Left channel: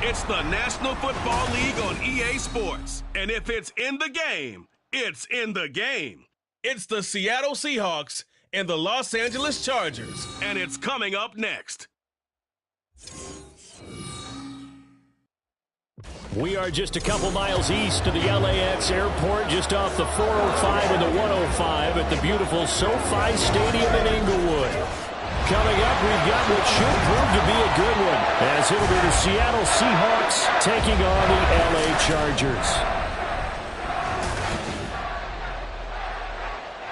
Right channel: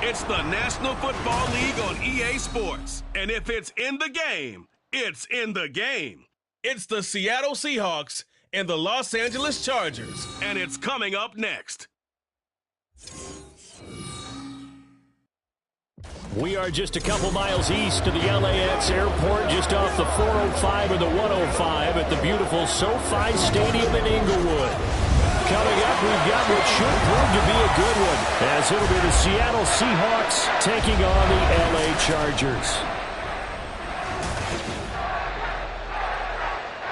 It's the National Football League on EA Sports. And if it's in the game, it's in the game. It's the Seattle Seahawks and the Los Angeles Chargers. And it's coming up next. We are just a couple miles east of the LAX airport, just off the 405 and the 105 at the beautiful SoFi Stadium in Inglewood. Coming up, we've got what should prove to be a good one, as it'll be the Seattle Seahawks taking on the LA Chargers.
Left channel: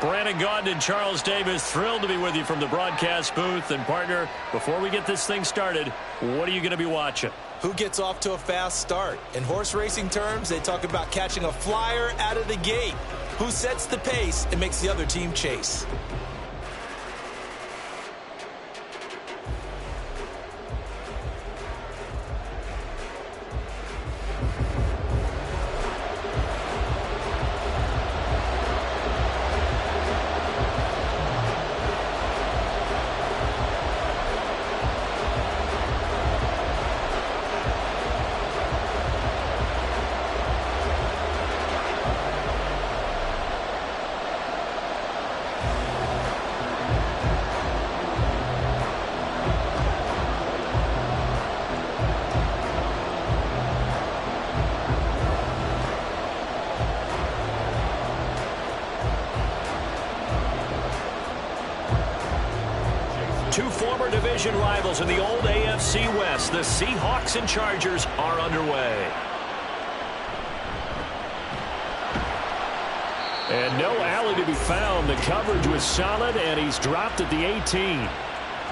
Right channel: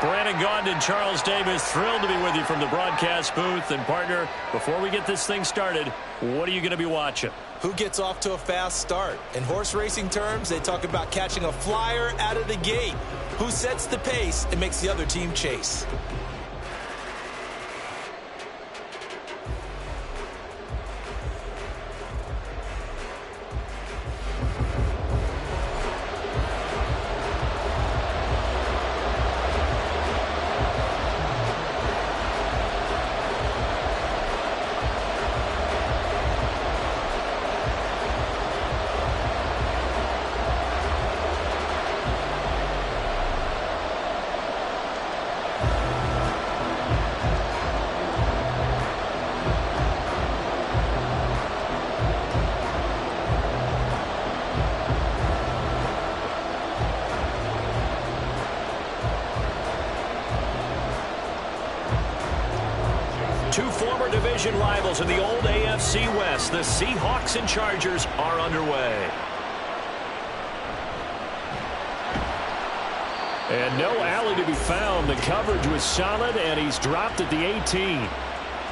Brandon Gaudin and Charles Davis, thrilled to be with you from the broadcast booth. And partner, before we get this thing started, what are you going to be watching? Who gets off to a fast start? In horse racing terms, they talk about catching a flyer out of the gate. Who sets the pace and makes the other team chase? Two former division rivals in the old AFC West, the Seahawks and Chargers, are underway. And no alley to be found. The coverage was solid, and he's dropped at the 18.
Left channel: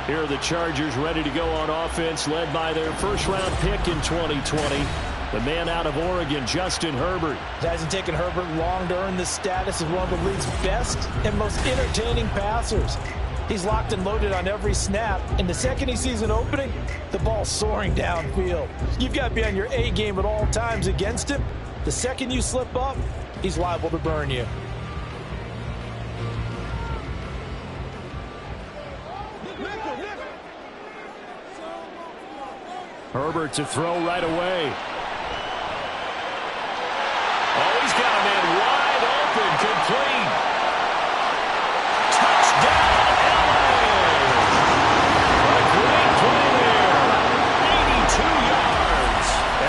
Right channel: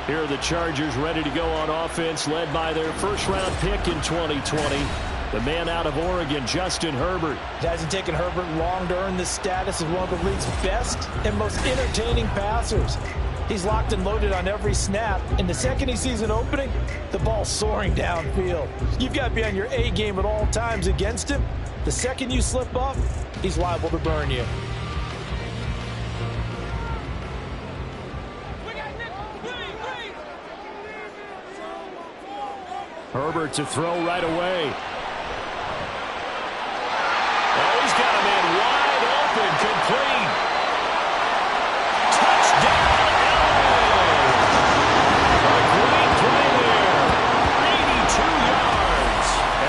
Here are the Chargers ready to go on offense, led by their first-round pick in 2020. The man out of Oregon, Justin Herbert. It hasn't taken Herbert long to earn the status as one of the league's best and most entertaining passers. He's locked and loaded on every snap, and the second he sees an opening, the ball's soaring downfield. You've got to be on your A game at all times against him. The second you slip up, he's liable to burn you. Herbert to throw right away. Oh, he's got a man wide open, complete. Touchdown!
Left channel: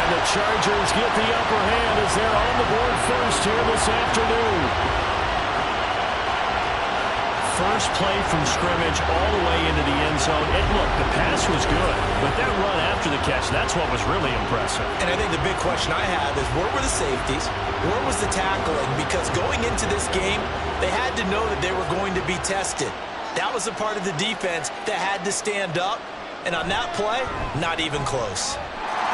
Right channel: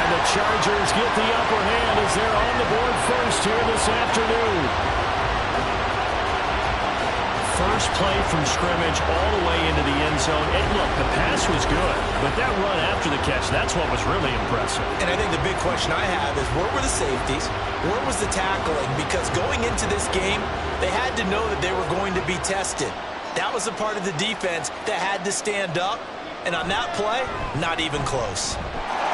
The Chargers get the upper hand as they're on the board first here this afternoon. First play from scrimmage all the way into the end zone. And look, the pass was good, but that run after the catch, that's what was really impressive. And I think the big question I have is, where were the safeties? Where was the tackling? Because going into this game, they had to know that they were going to be tested. That was a part of the defense that had to stand up. And on that play, not even close.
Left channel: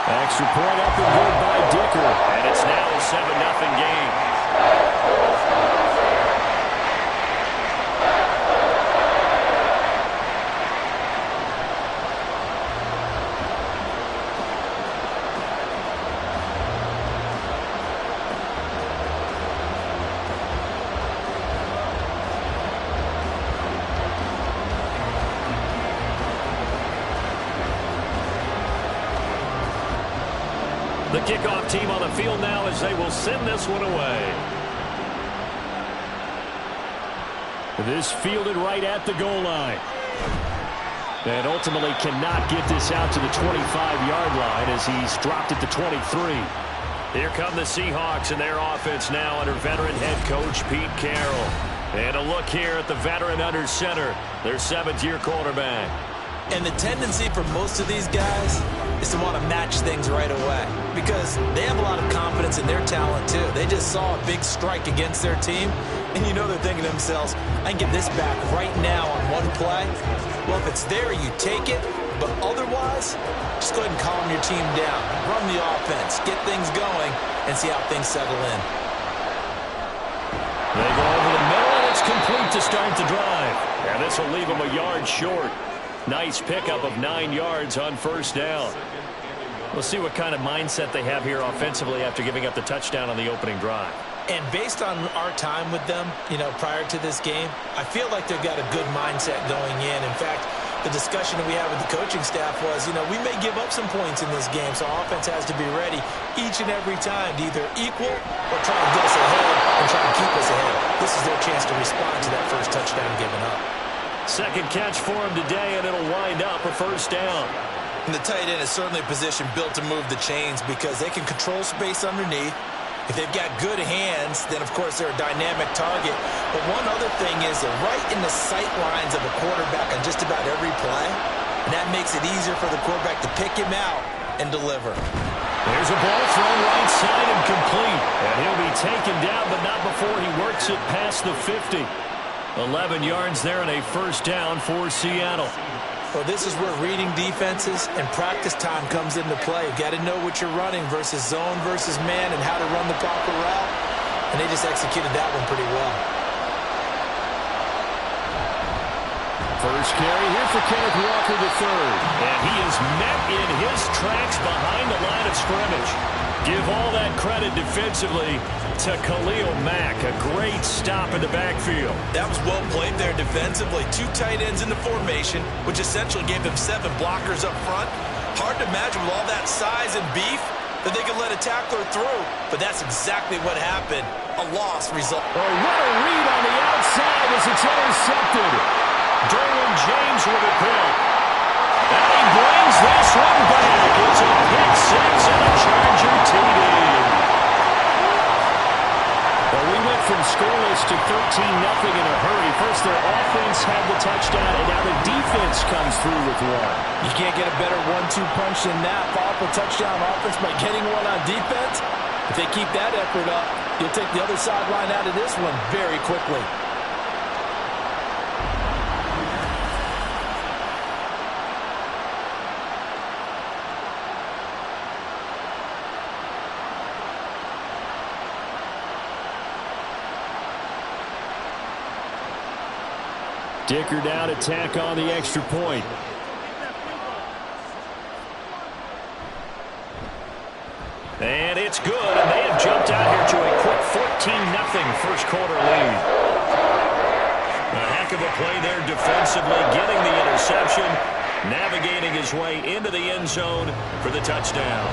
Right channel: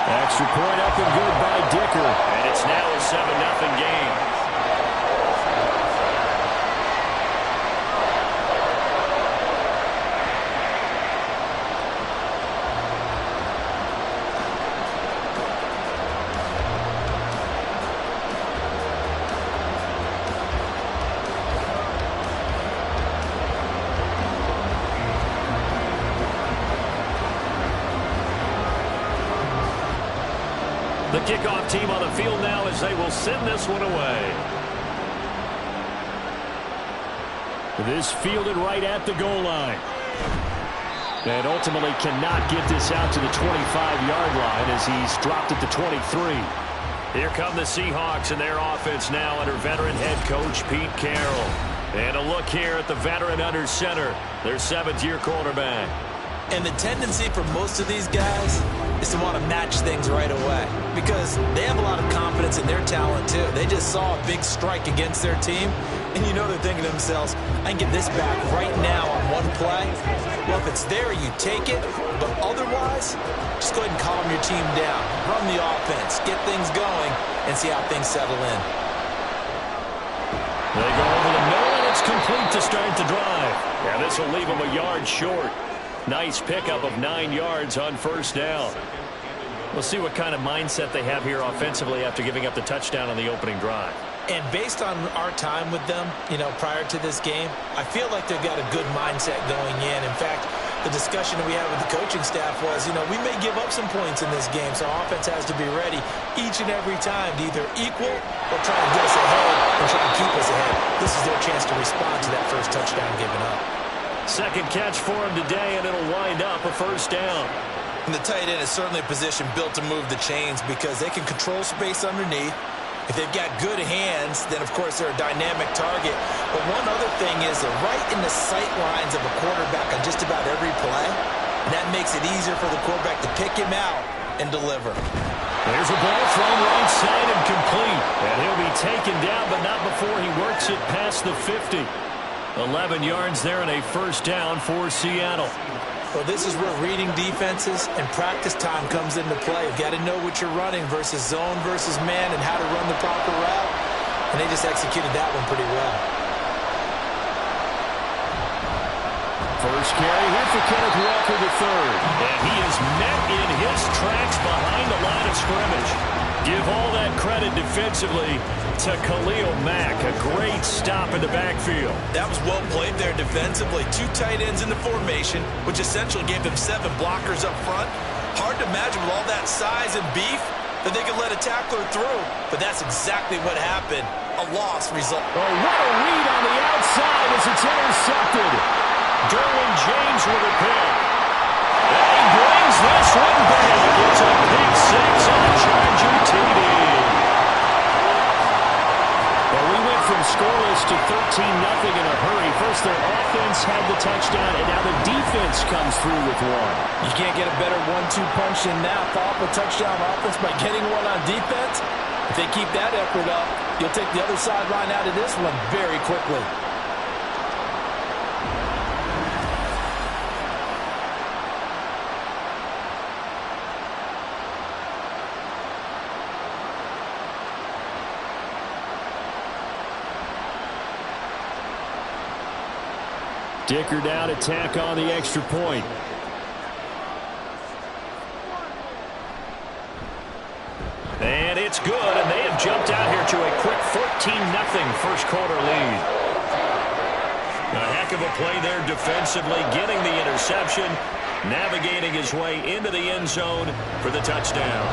Extra point up and good by Dicker. And it's now a 7-0 game. The kickoff team on the field now as they will send this one away. This fielded right at the goal line. And ultimately cannot get this out to the 25-yard line as he's dropped at the 23. Here come the Seahawks and their offense now under veteran head coach Pete Carroll. And a look here at the veteran under center, their 7th-year quarterback. And the tendency for most of these guys is to want to match things right away because they have a lot of confidence in their talent too. They just saw a big strike against their team, and you know they're thinking to themselves, I can get this back right now on one play. Well, if it's there, you take it, but otherwise, just go ahead and calm your team down. Run the offense, get things going, and see how things settle in. They go over the middle, and it's complete to start the drive. And this will leave them a yard short. Nice pickup of 9 yards on first down. We'll see what kind of mindset they have here offensively after giving up the touchdown on the opening drive. And based on our time with them, prior to this game, I feel like they've got a good mindset going in. In fact, the discussion that we had with the coaching staff was, we may give up some points in this game, so our offense has to be ready each and every time to either equal or try and get us ahead and try and keep us ahead. This is their chance to respond to that first touchdown given up. Second catch for him today, and it'll wind up a first down. And the tight end is certainly a position built to move the chains because they can control space underneath. If they've got good hands, then, of course, they're a dynamic target. But one other thing is they're right in the sight lines of a quarterback on just about every play, and that makes it easier for the quarterback to pick him out and deliver. There's a ball thrown right side and complete. And he'll be taken down, but not before he works it past the 50. 11 yards there and a first down for Seattle. Well, this is where reading defenses and practice time comes into play. You've got to know what you're running versus zone versus man and how to run the proper route. And they just executed that one pretty well. First carry here for Kenneth Walker III. And he is met in his tracks behind the line of scrimmage. Give all that credit defensively to Khalil Mack. A great stop in the backfield. That was well played there defensively. Two tight ends in the formation, which essentially gave them 7 blockers up front. Hard to imagine with all that size and beef that they could let a tackler through. But that's exactly what happened. A loss result. Oh, what a read on the outside as it's intercepted. Derwin James with a pick. And he brings this one back. It's a pick 6 and a Charger TD. Well, we went from scoreless to 13-0 in a hurry. First, their offense had the touchdown, and now the defense comes through with one. You can't get a better 1-2 punch than that. Follow up a touchdown offense by getting one on defense. If they keep that effort up, you'll take the other sideline out of this one very quickly. Dicker down to tack on the extra point. And it's good, and they have jumped out here to a quick 14-0 first quarter lead. A heck of a play there defensively, getting the interception, navigating his way into the end zone for the touchdown.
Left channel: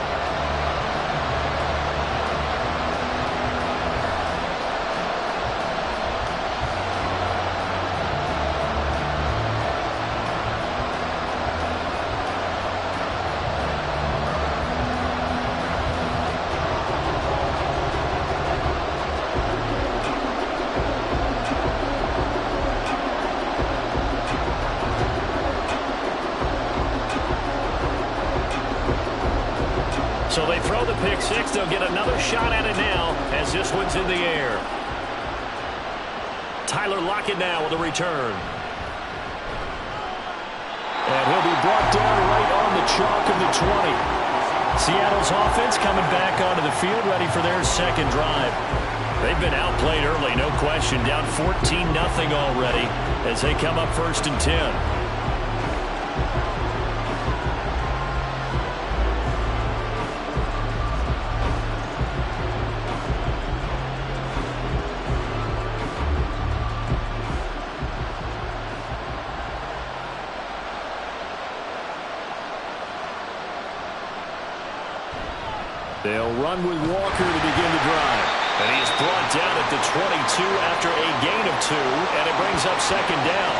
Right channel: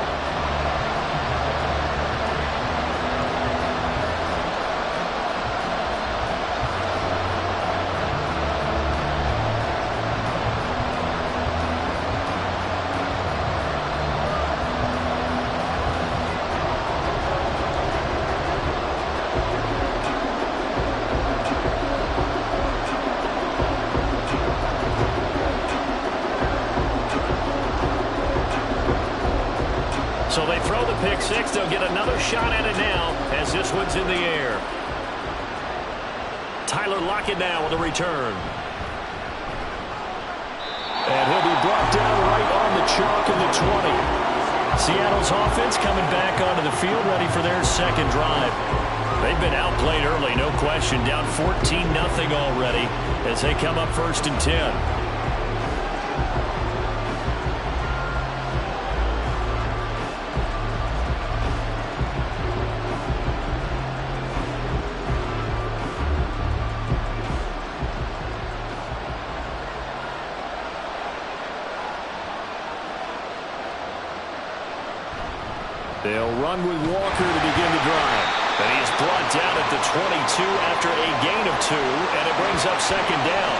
So they throw the pick 6. They'll get another shot at it now as this one's in the air. Tyler Lockett now with a return. And he'll be brought down right on the chalk of the 20. Seattle's offense coming back onto the field, ready for their second drive. They've been outplayed early, no question. Down 14-0 already as they come up 1st and 10. They'll run with Walker to begin the drive. And he is brought down at the 22 after a gain of 2, and it brings up 2nd down.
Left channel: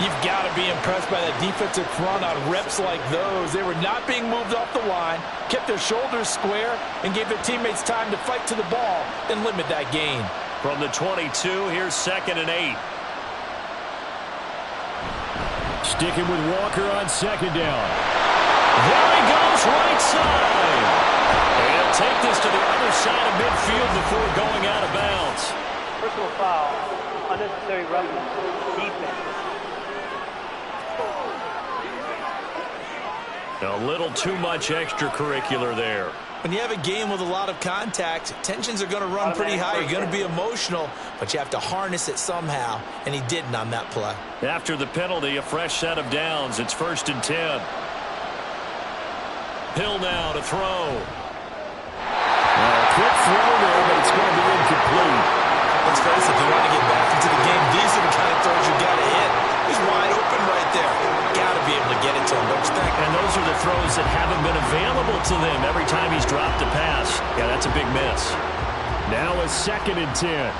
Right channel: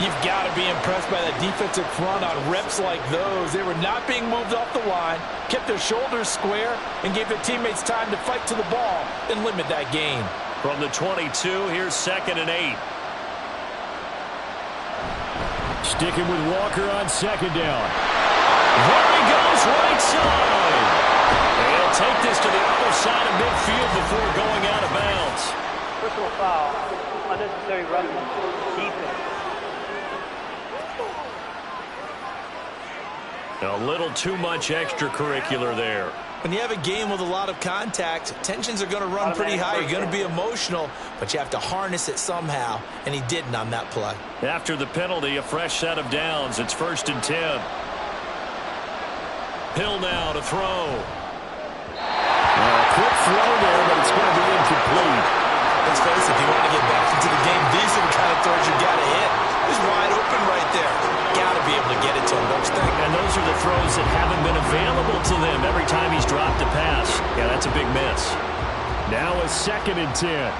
You've got to be impressed by that defensive front on reps like those. They were not being moved off the line, kept their shoulders square, and gave their teammates time to fight to the ball and limit that gain. From the 22, here's 2nd and 8. Sticking with Walker on 2nd down. There he goes, right side. And he'll take this to the other side of midfield before going out of bounds. Personal foul, unnecessary roughness, defense. A little too much extracurricular there. When you have a game with a lot of contact, tensions are going to run pretty high. You're going to be emotional, but you have to harness it somehow, and he didn't on that play. After the penalty, a fresh set of downs. It's 1st and 10. Hill now to throw. A quick throw there, but it's going to be incomplete. Let's face it, if you want to get back into the game, these are the kind of throws you got to hit. He's wide open right there. Got to be able to get it to him, don't you think? And those are the throws that haven't been available to them every time he's dropped a pass. Yeah, that's a big miss. Now a 2nd and 10.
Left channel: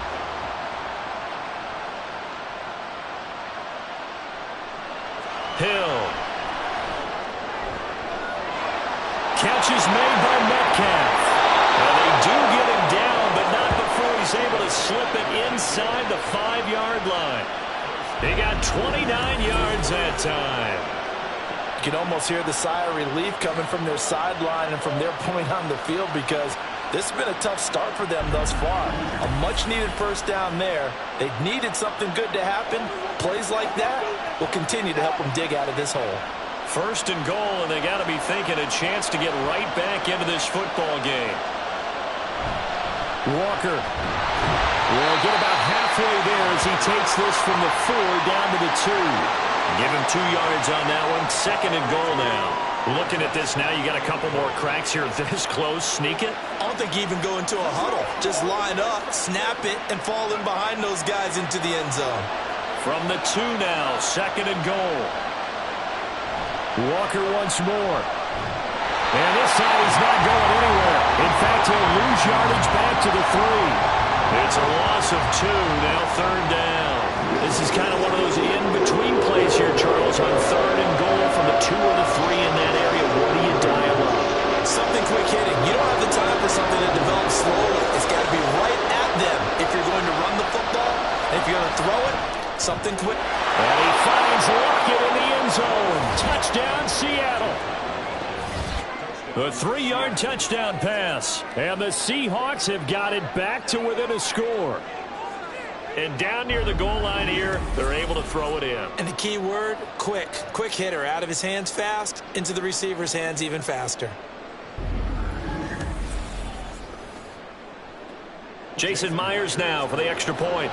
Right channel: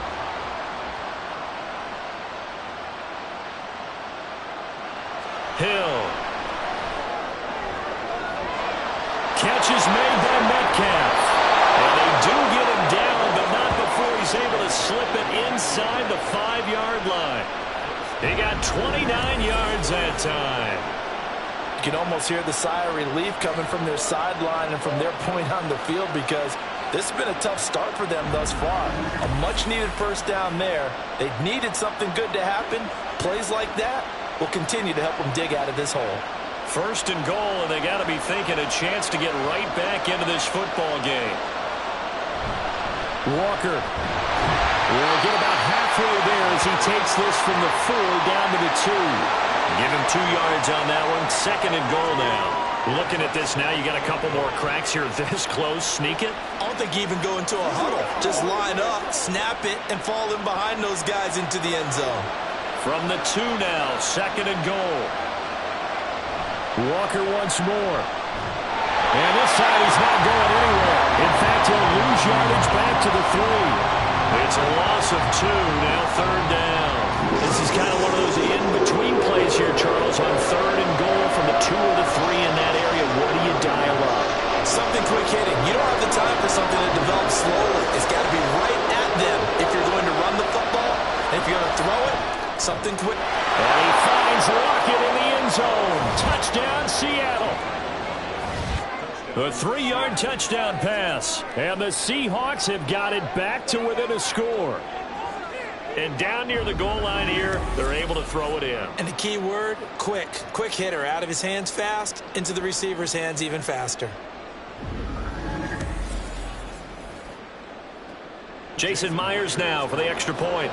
Hill. Catch is made by Metcalf. And they do get him down, but not before he's able to slip it inside the 5-yard line. He got 29 yards that time. You can almost hear the sigh of relief coming from their sideline and from their point on the field, because this has been a tough start for them thus far. A much-needed first down there. They needed something good to happen. Plays like that will continue to help them dig out of this hole. 1st and goal, and they got to be thinking a chance to get right back into this football game. Walker will get about halfway there as he takes this from the 4 down to the 2. Give him 2 yards on that one. 2nd and goal now. Looking at this now, you got a couple more cracks here this close. Sneak it. I don't think you even go into a huddle. Just line up, snap it, and fall in behind those guys into the end zone. From the 2 now, 2nd and goal. Walker once more. And this time he's not going anywhere. In fact, he'll lose yardage back to the 3. It's a loss of 2, now 3rd down. This is kind of one of those in-between plays here, Charles, on 3rd and goal from the 2 or the 3 in that area. What do you dial up? Something quick hitting. You don't have the time for something that develops slowly. It's got to be right at them if you're going to run the football. And if you're going to throw it, something quick. And he finds Lockett in the end zone. Touchdown, Seattle. A 3-yard touchdown pass. And the Seahawks have got it back to within a score. And down near the goal line here, they're able to throw it in. And the key word, quick. Quick hitter. Out of his hands fast, into the receiver's hands even faster. Jason Myers now for the extra point.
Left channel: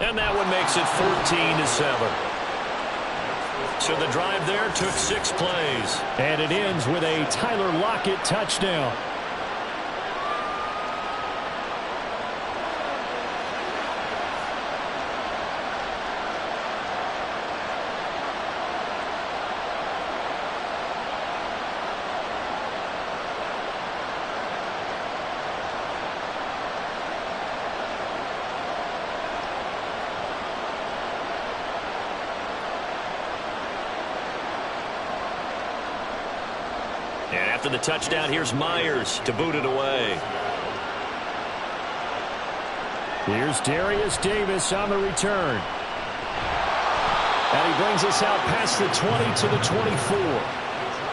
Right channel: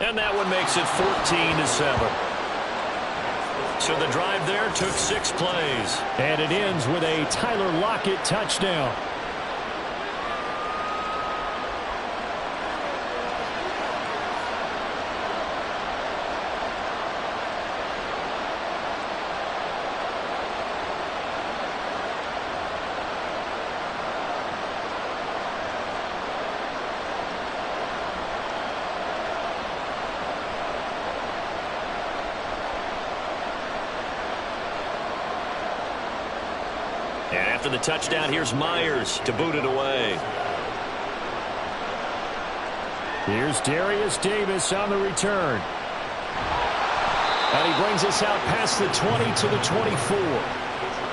And that one makes it 14-7. So the drive there took 6 plays. And it ends with a Tyler Lockett touchdown. And after the touchdown, here's Myers to boot it away. Here's Darius Davis on the return. And he brings us out past the 20 to the 24.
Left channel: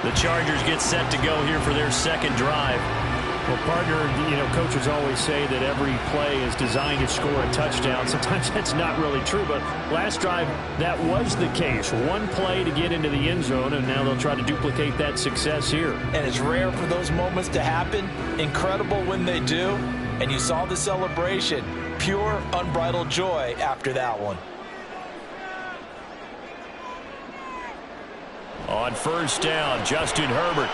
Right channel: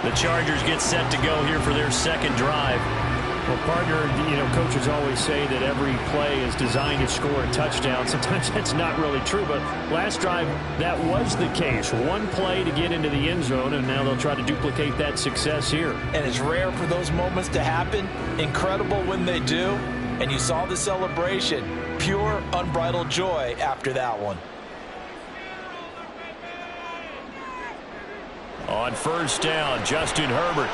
The Chargers get set to go here for their 2nd drive. Well, partner, coaches always say that every play is designed to score a touchdown. Sometimes that's not really true, but last drive, that was the case. 1 play to get into the end zone, and now they'll try to duplicate that success here. And it's rare for those moments to happen. Incredible when they do. And you saw the celebration. Pure, unbridled joy after that one. On 1st down, Justin Herbert.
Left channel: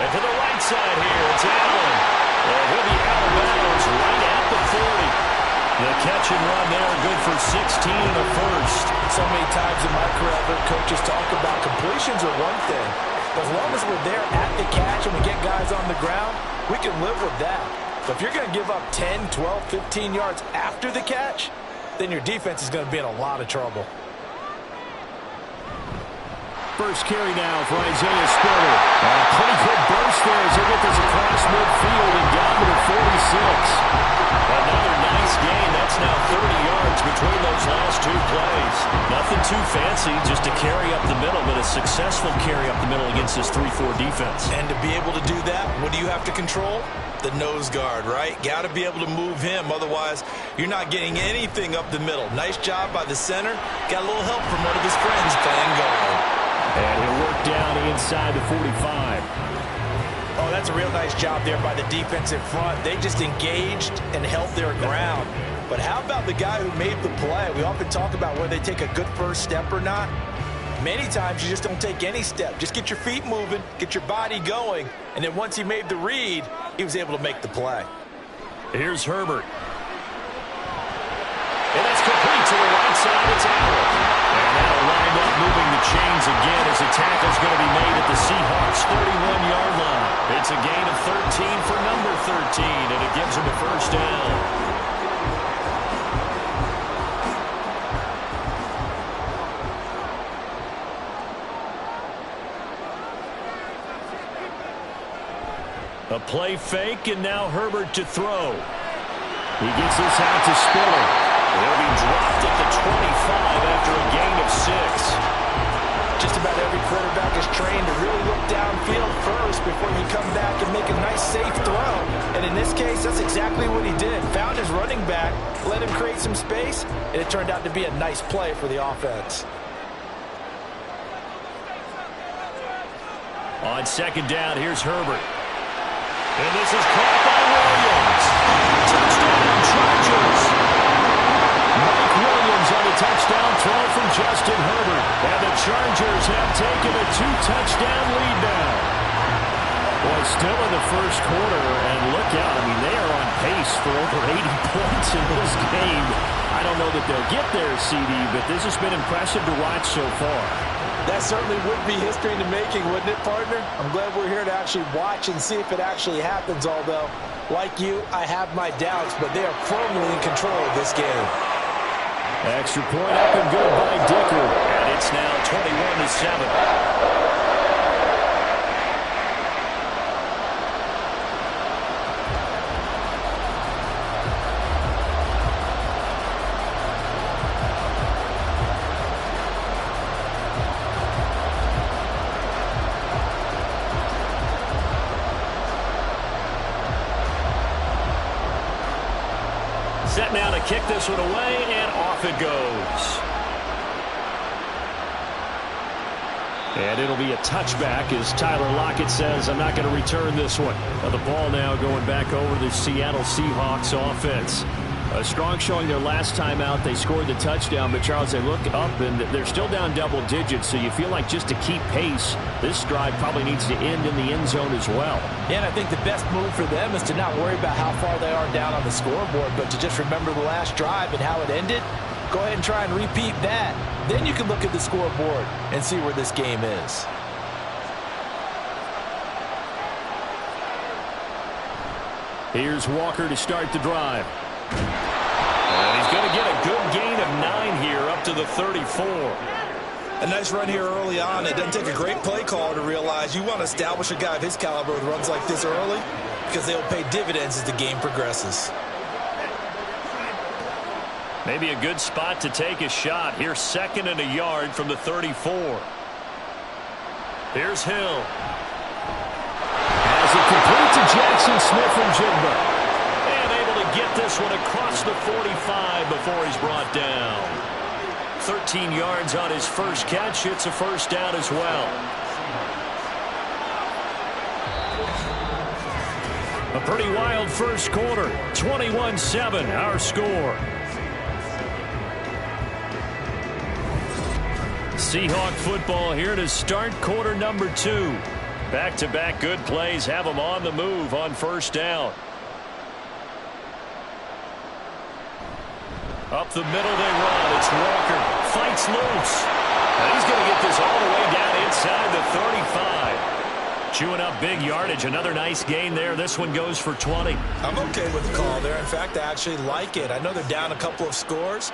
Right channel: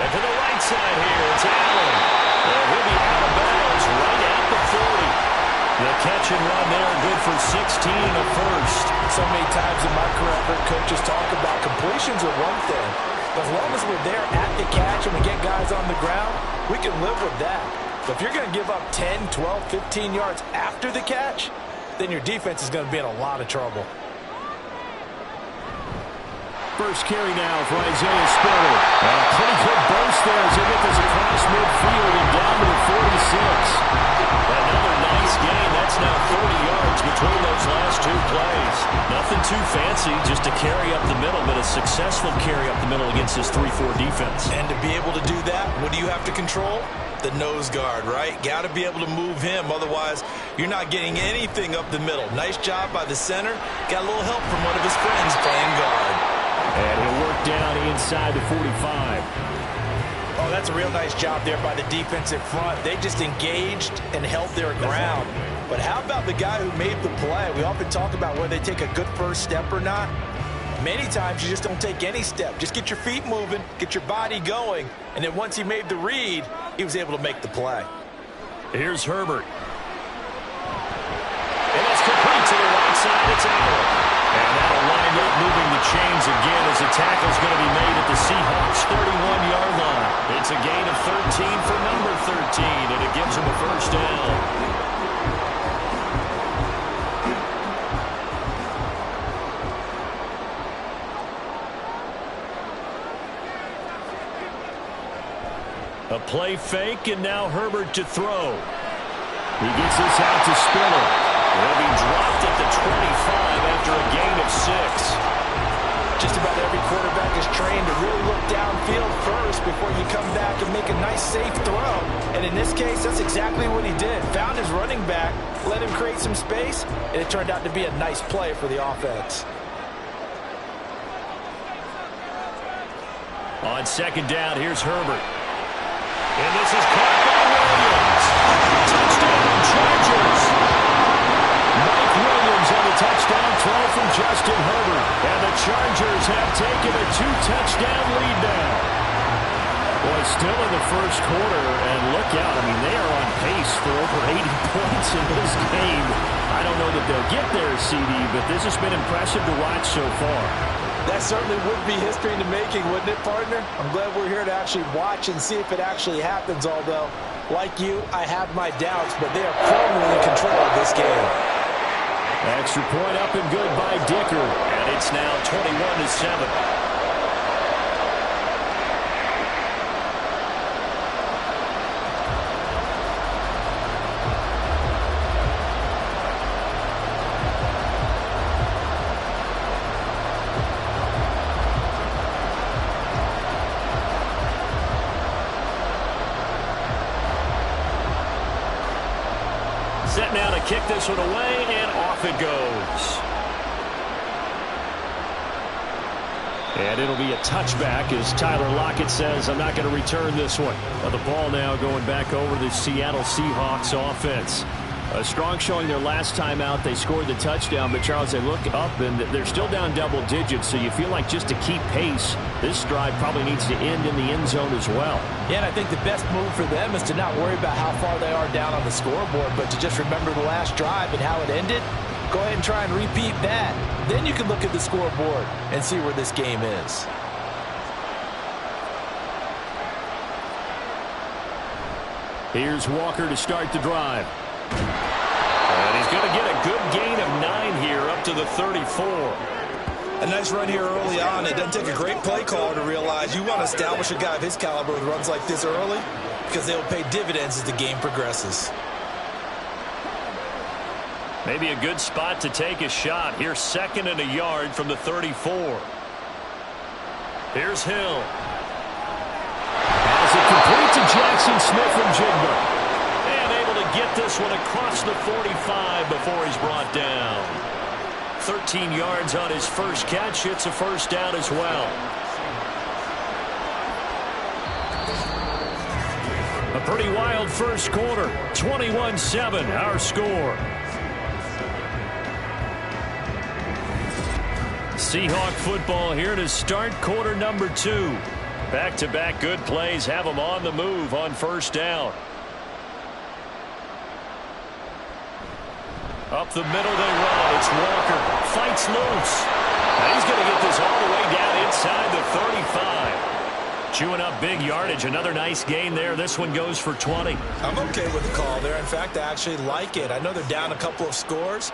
And to the right side here, it's Allen. And he'll be out of bounds right at the 40. The catch and run there, good for 16 and a first. So many times in my career, I've heard coaches talk about completions are one thing. But as long as we're there at the catch and we get guys on the ground, we can live with that. But if you're going to give up 10, 12, 15 yards after the catch, then your defense is going to be in a lot of trouble. First carry now for Isaiah Spiller. And a pretty good burst there as they get this across midfield and down to the 46. Another nice gain. That's now 30 yards between those last 2 plays. Nothing too fancy, just a carry up the middle, but a successful carry up the middle against this 3-4 defense. And to be able to do that, what do you have to control? The nose guard, right? Got to be able to move him. Otherwise, you're not getting anything up the middle. Nice job by the center. Got a little help from one of his friends playing guard. And he'll work down inside the 45. Oh, that's a real nice job there by the defensive front. They just engaged and held their ground. But how about the guy who made the play? We often talk about whether they take a good first step or not. Many times you just don't take any step. Just get your feet moving, get your body going, and then once he made the read, he was able to make the play. Here's Herbert. And that's complete to the right side. It's Allen. And that'll wind up moving the chains again as the tackle's going to be made at the Seahawks' 31-yard line. It's a gain of 13 for number 13, and it gives them a first down. A play fake, and now Herbert to throw. He gets this out to Spiller. He'll be dropped at the 25 after a gain of 6. Just about every quarterback is trained to really look downfield first before you come back and make a nice, safe throw. And in this case, that's exactly what he did. Found his running back, let him create some space, and it turned out to be a nice play for the offense. On second down, here's Herbert. And this is caught by Williams. Touchdown, Chargers. Mike Williams on the touchdown throw from Justin Herbert. And the Chargers have taken a 2-touchdown lead now. Boy, still in the first quarter, and look out. I mean, they are on pace for over 80 points in this game. I don't know that they'll get there, CD, but this has been impressive to watch so far. That certainly would be history in the making, wouldn't it, partner? I'm glad we're here to actually watch and see if it actually happens, although, like you, I have my doubts, but they are firmly in control of this game. Extra point up and good by Dicker, and it's now 21-7. Set now to kick this one away, and off it goes. And it'll be a touchback as Tyler Lockett says, I'm not going to return this one. Now the ball now going back over the Seattle Seahawks offense. A strong showing their last time out. They scored the touchdown, but Charles, they look up and they're still down double digits, so you feel like just to keep pace, this drive probably needs to end in the end zone as well. Yeah, and I think the best move for them is to not worry about how far they are down on the scoreboard, but to just remember the last drive and how it ended. Go ahead and try and repeat that. Then you can look at the scoreboard and see where this game is. Here's Walker to start the drive. And he's going to get a good gain of 9 here up to the 34. A nice run here early on. It doesn't take a great play caller to realize you want to establish a guy of his caliber with runs like this early because they will pay dividends as the game progresses. Maybe a good spot to take a shot. Here's 2nd and a yard from the 34. Here's Hill. Has it complete to Jackson Smith and Jigba. And able to get this one across the 45 before he's brought down. 13 yards on his first catch. It's a first down as well. A pretty wild first quarter. 21-7, our score. Seahawk football here to start quarter number 2. Back-to-back good plays have them on the move on first down. Up the middle they run. It's Walker. Fights loose. And he's going to get this all the way down inside the 35. Chewing up big yardage. Another nice gain there. This one goes for 20. I'm okay with the call there. In fact, I actually like it. I know they're down a couple of scores,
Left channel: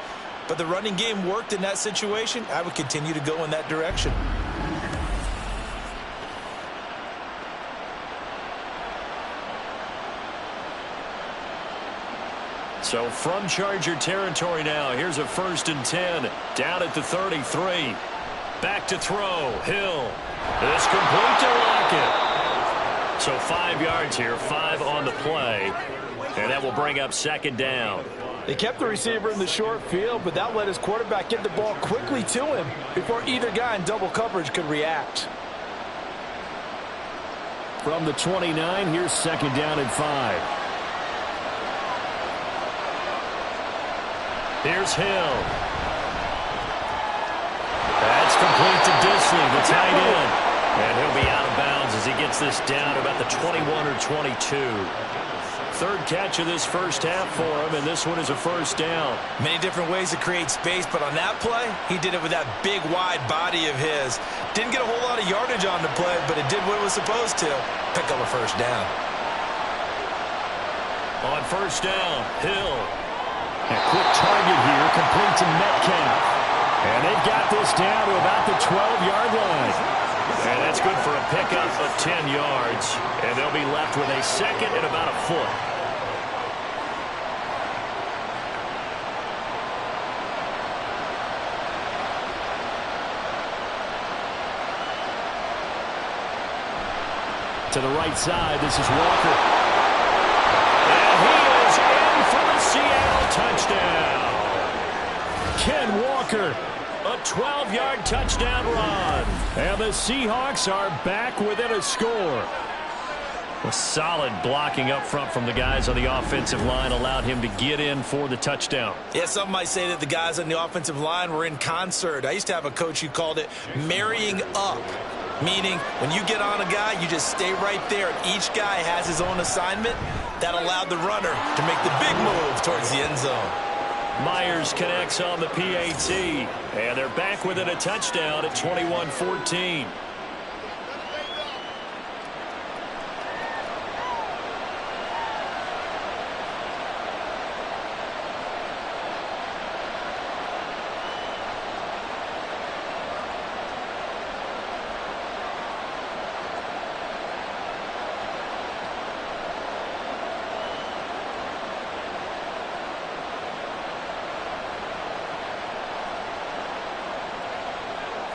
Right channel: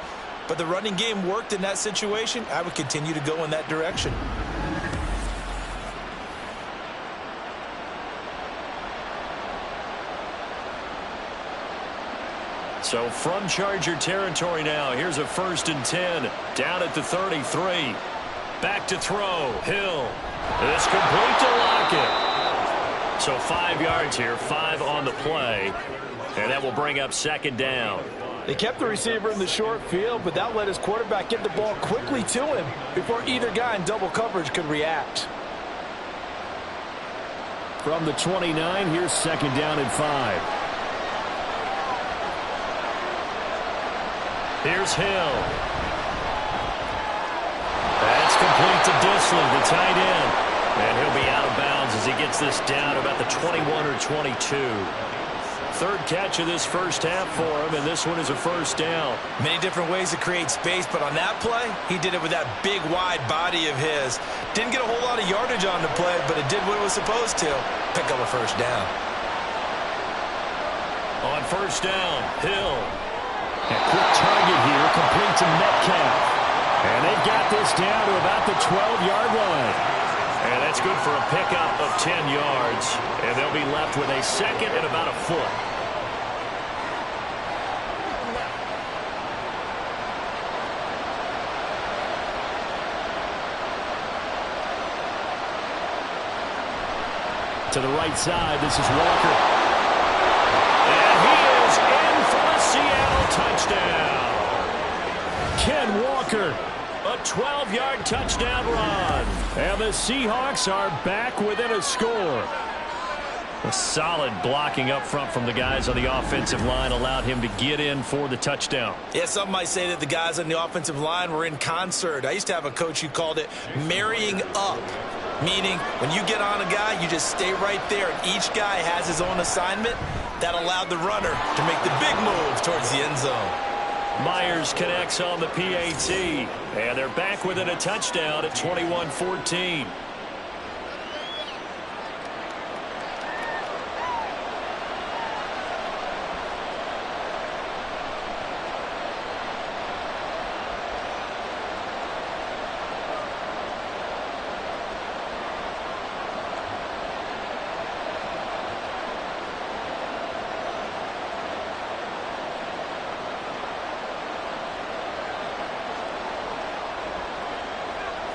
but the running game worked in that situation. I would continue to go in that direction. So from Charger territory now, here's a 1st and 10 down at the 33. Back to throw. Hill. It's complete to Lockett. So 5 yards here, 5 on the play. And that will bring up 2nd down. They kept the receiver in the short field, but that let his quarterback get the ball quickly to him before either guy in double coverage could react. From the 29, here's 2nd down and 5. Here's Hill. That's complete to Disley, the tight end. And he'll be out of bounds as he gets this down to about the 21 or 22. Third catch of this first half for him, and this one is a first down. Many different ways to create space, but on that play, he did it with that big, wide body of his. Didn't get a whole lot of yardage on the play, but it did what it was supposed to. Pick up a first down. On first down, Hill. A quick target here, complete to Metcalf. And they've got this down to about the 12-yard line. And that's good for a pickup of 10 yards. And they'll be left with a second and about a foot. To the right side, this is Walker. And he is in for the Seattle touchdown. Ken Walker. A 12-yard touchdown run. And the Seahawks are back within a score. A solid blocking up front from the guys on the offensive line allowed him to get in for the touchdown. Yeah, some might say that the guys on the offensive line were in concert. I used to have a coach who called it marrying up, meaning when you get on a guy, you just stay right there, and each guy has his own assignment. That allowed the runner to make the big move towards the end zone. Myers connects on the PAT, and they're back within a touchdown at 21-14.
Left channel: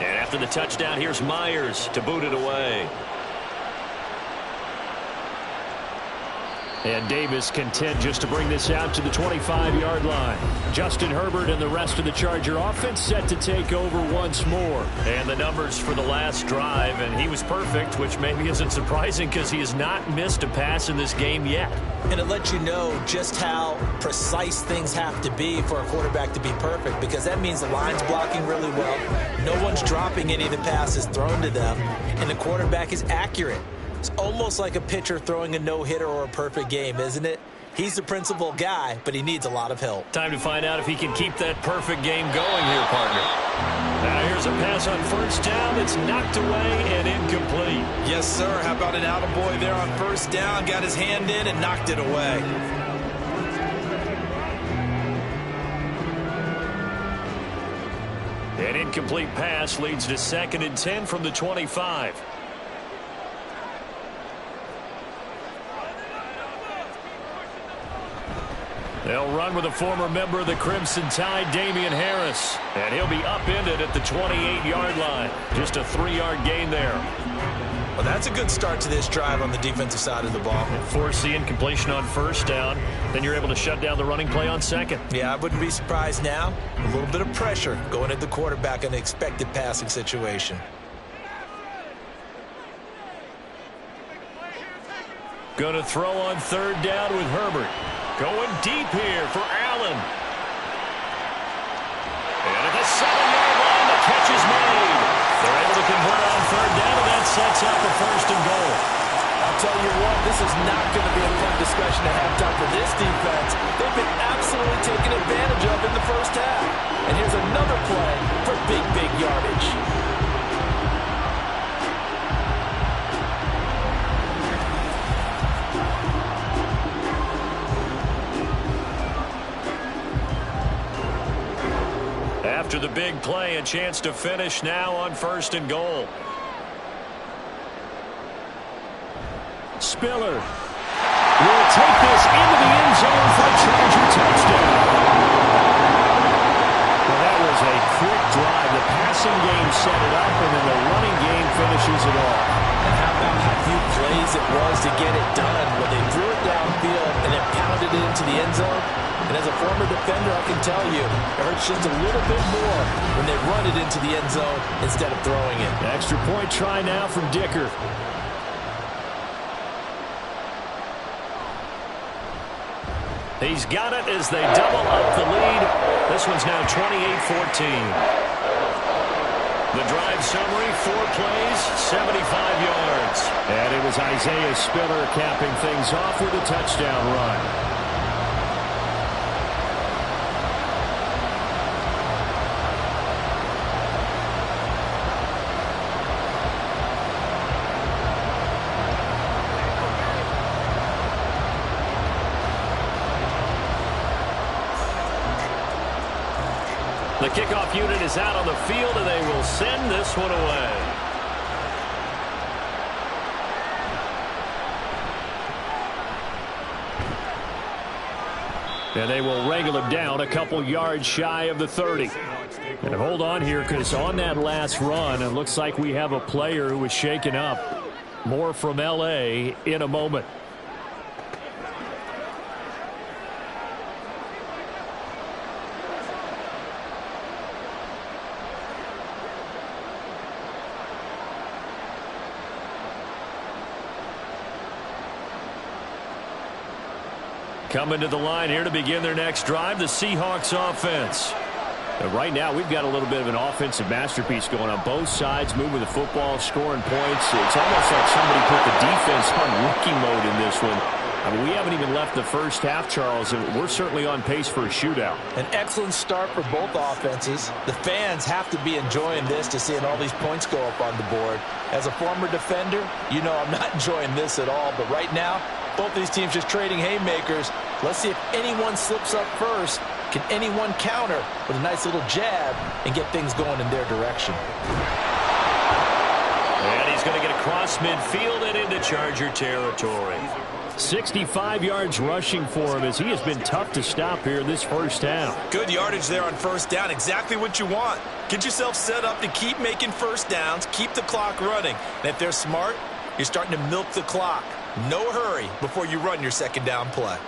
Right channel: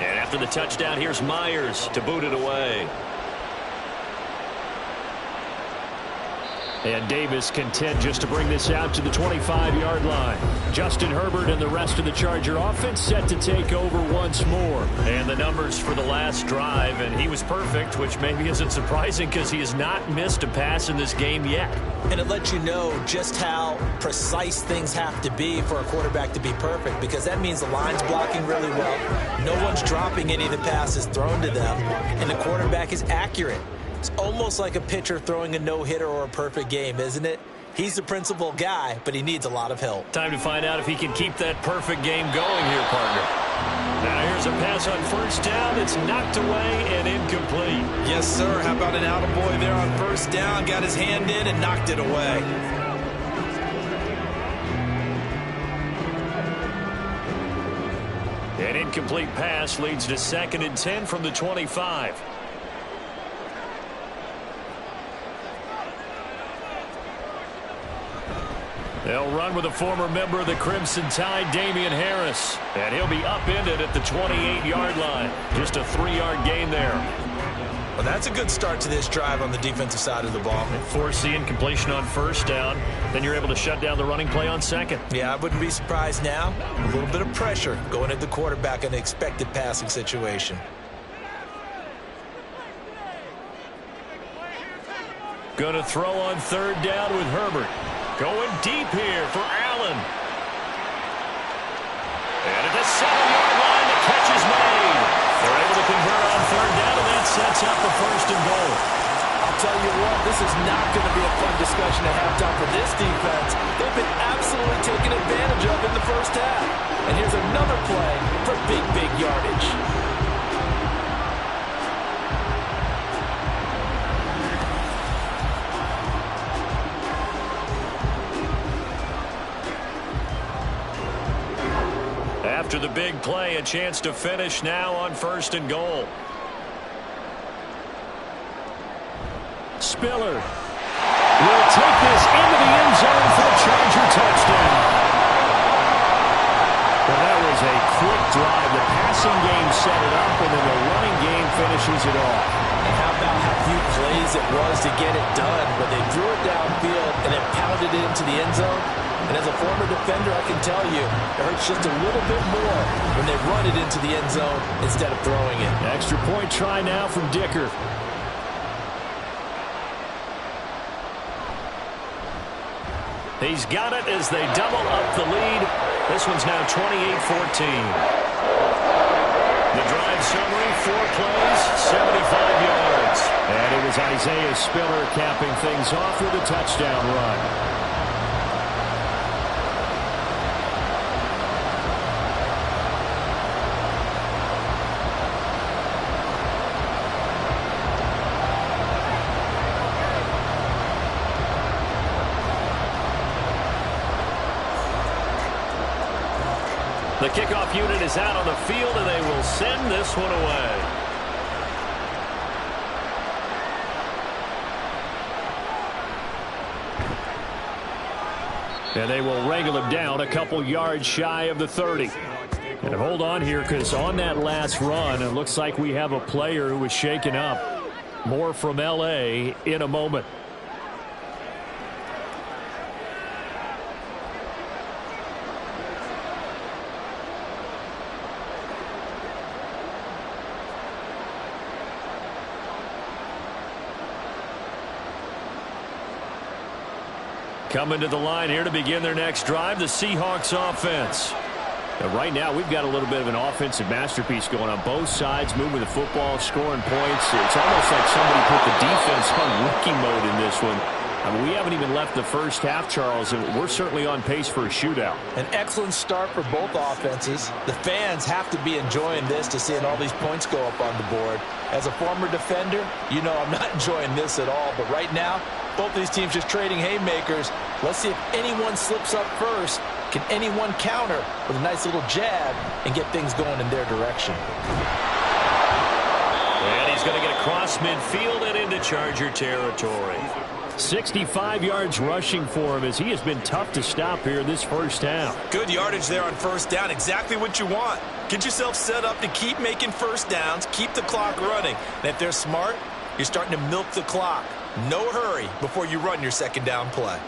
And after the touchdown, here's Myers to boot it away. And Davis content just to bring this out to the 25-yard line. Justin Herbert and the rest of the Charger offense set to take over once more. And the numbers for the last drive, and he was perfect, which maybe isn't surprising because he has not missed a pass in this game yet. And it lets you know just how precise things have to be for a quarterback to be perfect, because that means the line's blocking really well. No one's dropping any of the passes thrown to them, and the quarterback is accurate. It's almost like a pitcher throwing a no-hitter or a perfect game, isn't it? He's the principal guy, but he needs a lot of help. Time to find out if he can keep that perfect game going here, partner. Now here's a pass on first down that's knocked away and incomplete. Yes, sir. How about an attaboy there on first down? Got his hand in and knocked it away. An incomplete pass leads to 2nd and 10 from the 25. They'll run with a former member of the Crimson Tide, Damian Harris. And he'll be upended at the 28-yard line. Just a 3-yard gain there. Well, that's a good start to this drive on the defensive side of the ball. Force the incompletion on first down. Then you're able to shut down the running play on second. Yeah, I wouldn't be surprised now. A little bit of pressure going at the quarterback in an expected passing situation. Going to throw on third down with Herbert. Going deep here for Allen. And at the 7-yard line, the catch is made. They're able to convert on third down, and that sets up the 1st and goal. I'll tell you what, this is not going to be a fun discussion at halftime for this defense. They've been absolutely taken advantage of in the first half. And here's another play for big yardage. After the big play, a chance to finish now on 1st and goal. Spiller will take this into the end zone for a Charger touchdown. Well, that was a quick drive. The passing game set it up, and then the running game finishes it off. And how about how few plays it was to get it done, when they threw it downfield and then pounded it into the end zone? And as a former defender, I can tell you, it hurts just a little bit more when they run it into the end zone instead of throwing it. Extra point try now from Dicker. He's got it as they double up the lead. This one's now 28-14. The drive summary, 4 plays, 75 yards. And it was Isaiah Spiller capping things off with a touchdown run. The kickoff unit is out on the field, and they will send this one away. And they will wrangle him down a couple yards shy of the 30. And hold on here, because on that last run, it looks like we have a player who was shaken up. More from L.A. in a moment. Coming to the line here to begin their next drive, the Seahawks offense. Right now, we've got a little bit of an offensive masterpiece going on both sides, moving the football, scoring points. It's almost like somebody put the defense on rookie mode in this one. I mean, we haven't even left the first half, Charles, and we're certainly on pace for a shootout. An excellent start for both offenses. The fans have to be enjoying this to seeing all these points go up on the board. As a former defender, you know I'm not enjoying this at all, but right now, both these teams just trading haymakers. Let's see if anyone slips up first. Can anyone counter with a nice little jab and get things going in their direction? And he's going to get across midfield and into Charger territory. 65 yards rushing for him as he has been tough to stop here this first half. Good yardage there on first down. Exactly what you want. Get yourself set up to keep making first downs, keep the clock running. And if they're smart, you're starting to milk the clock. No hurry before you run your second down play.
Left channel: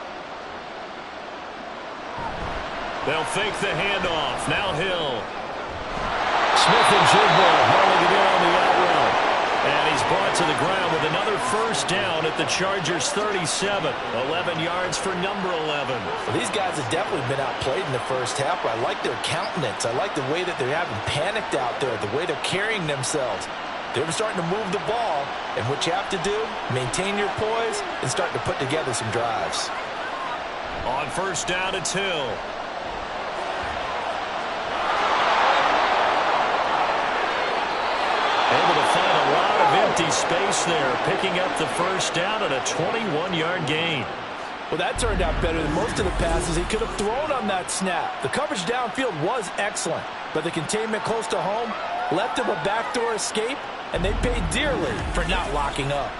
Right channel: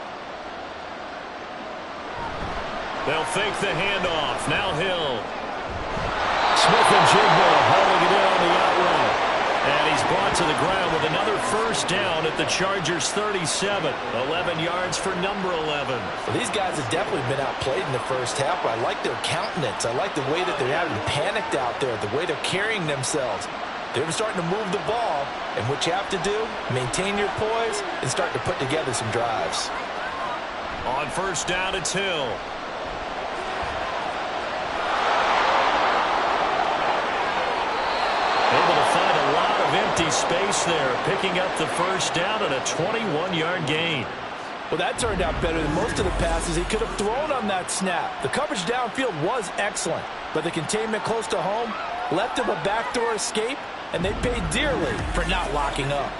They'll fake the handoff. Now Hill. Smith and Jigbo hauling it in on the out route. And he's brought to the ground with another first down at the Chargers 37. 11 yards for number 11. Well, these guys have definitely been outplayed in the first half, but I like their countenance. I like the way that they're having panicked out there, the way they're carrying themselves. They're starting to move the ball, and what you have to do, maintain your poise and start to put together some drives. On first down, it's Hill. Able to find a lot of empty space there, picking up the first down at a 21-yard gain. Well, that turned out better than most of the passes he could have thrown on that snap. The coverage downfield was excellent, but the containment close to home left him a backdoor escape, and they paid dearly for not locking up.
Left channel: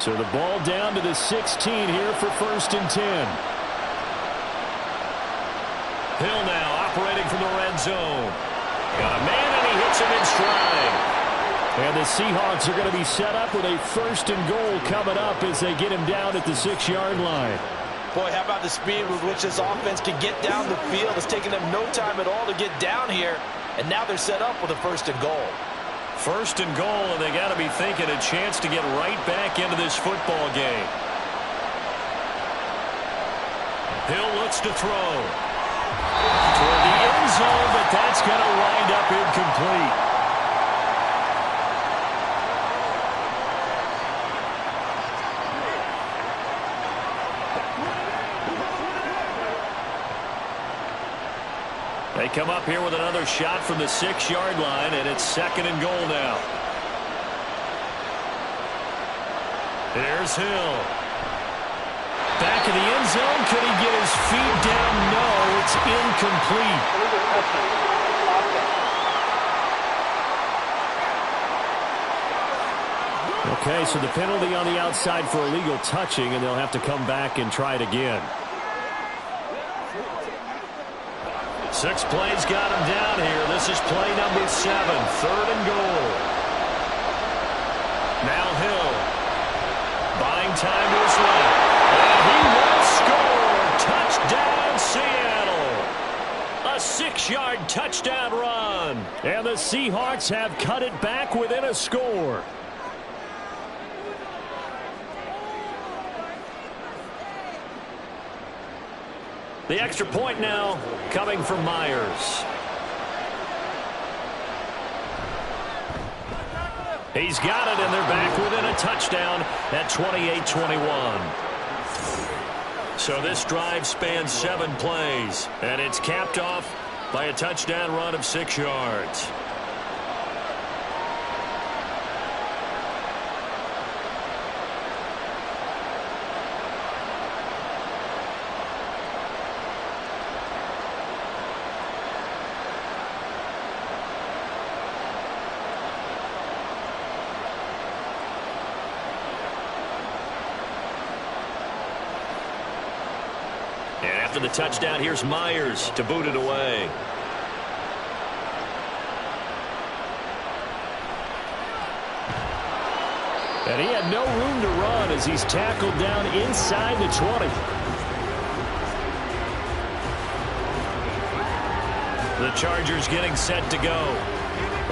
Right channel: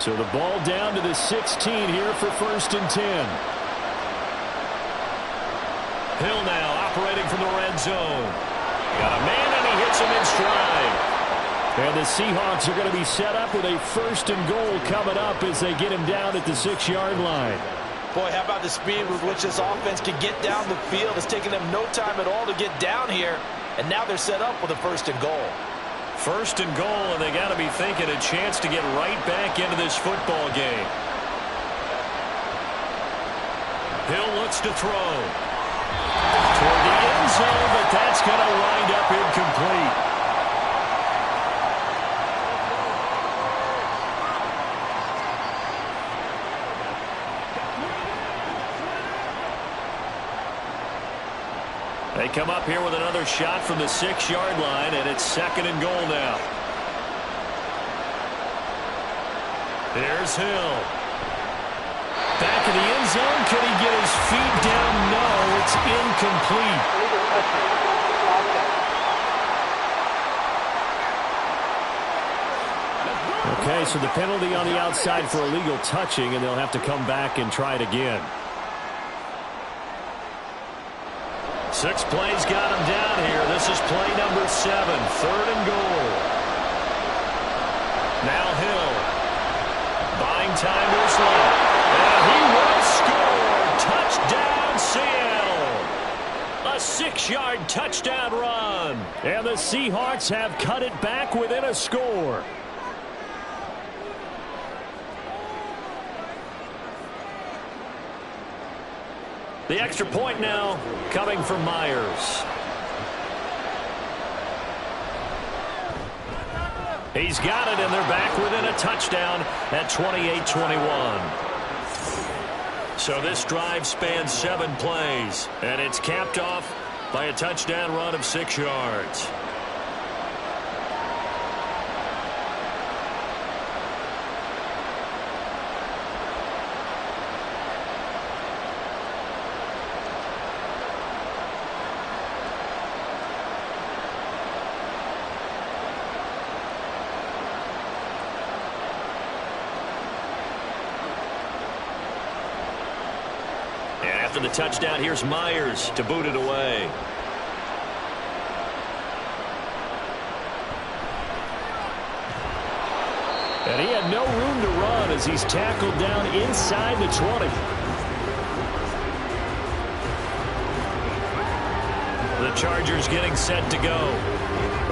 So the ball down to the 16 here for 1st and 10. Hill now operating from the red zone. Got a man, and he hits him in stride. And the Seahawks are going to be set up with a 1st and goal coming up as they get him down at the 6-yard line. Boy, how about the speed with which this offense can get down the field? It's taken them no time at all to get down here, and now they're set up with a 1st and goal. 1st and goal, and they got to be thinking a chance to get right back into this football game. Hill looks to throw toward the end zone, but that's going to wind up incomplete. They come up here with another shot from the 6-yard line, and it's 2nd and goal now. There's Hill. Back in the end zone. Can he get his feet down? No, it's incomplete. Okay, so the penalty on the outside for illegal touching, and they'll have to come back and try it again. 6 plays got him down here. This is play number 7, 3rd and goal. Now Hill. Buying time to his left. And he will score. Touchdown, Seattle. A 6-yard touchdown run. And the Seahawks have cut it back within a score. The extra point now coming from Myers. He's got it, and they're back within a touchdown at 28-21. So this drive spans 7 plays, and it's capped off by a touchdown run of 6 yards. And after the touchdown, here's Myers to boot it away. And he had no room to run as he's tackled down inside the 20. The Chargers getting set to go.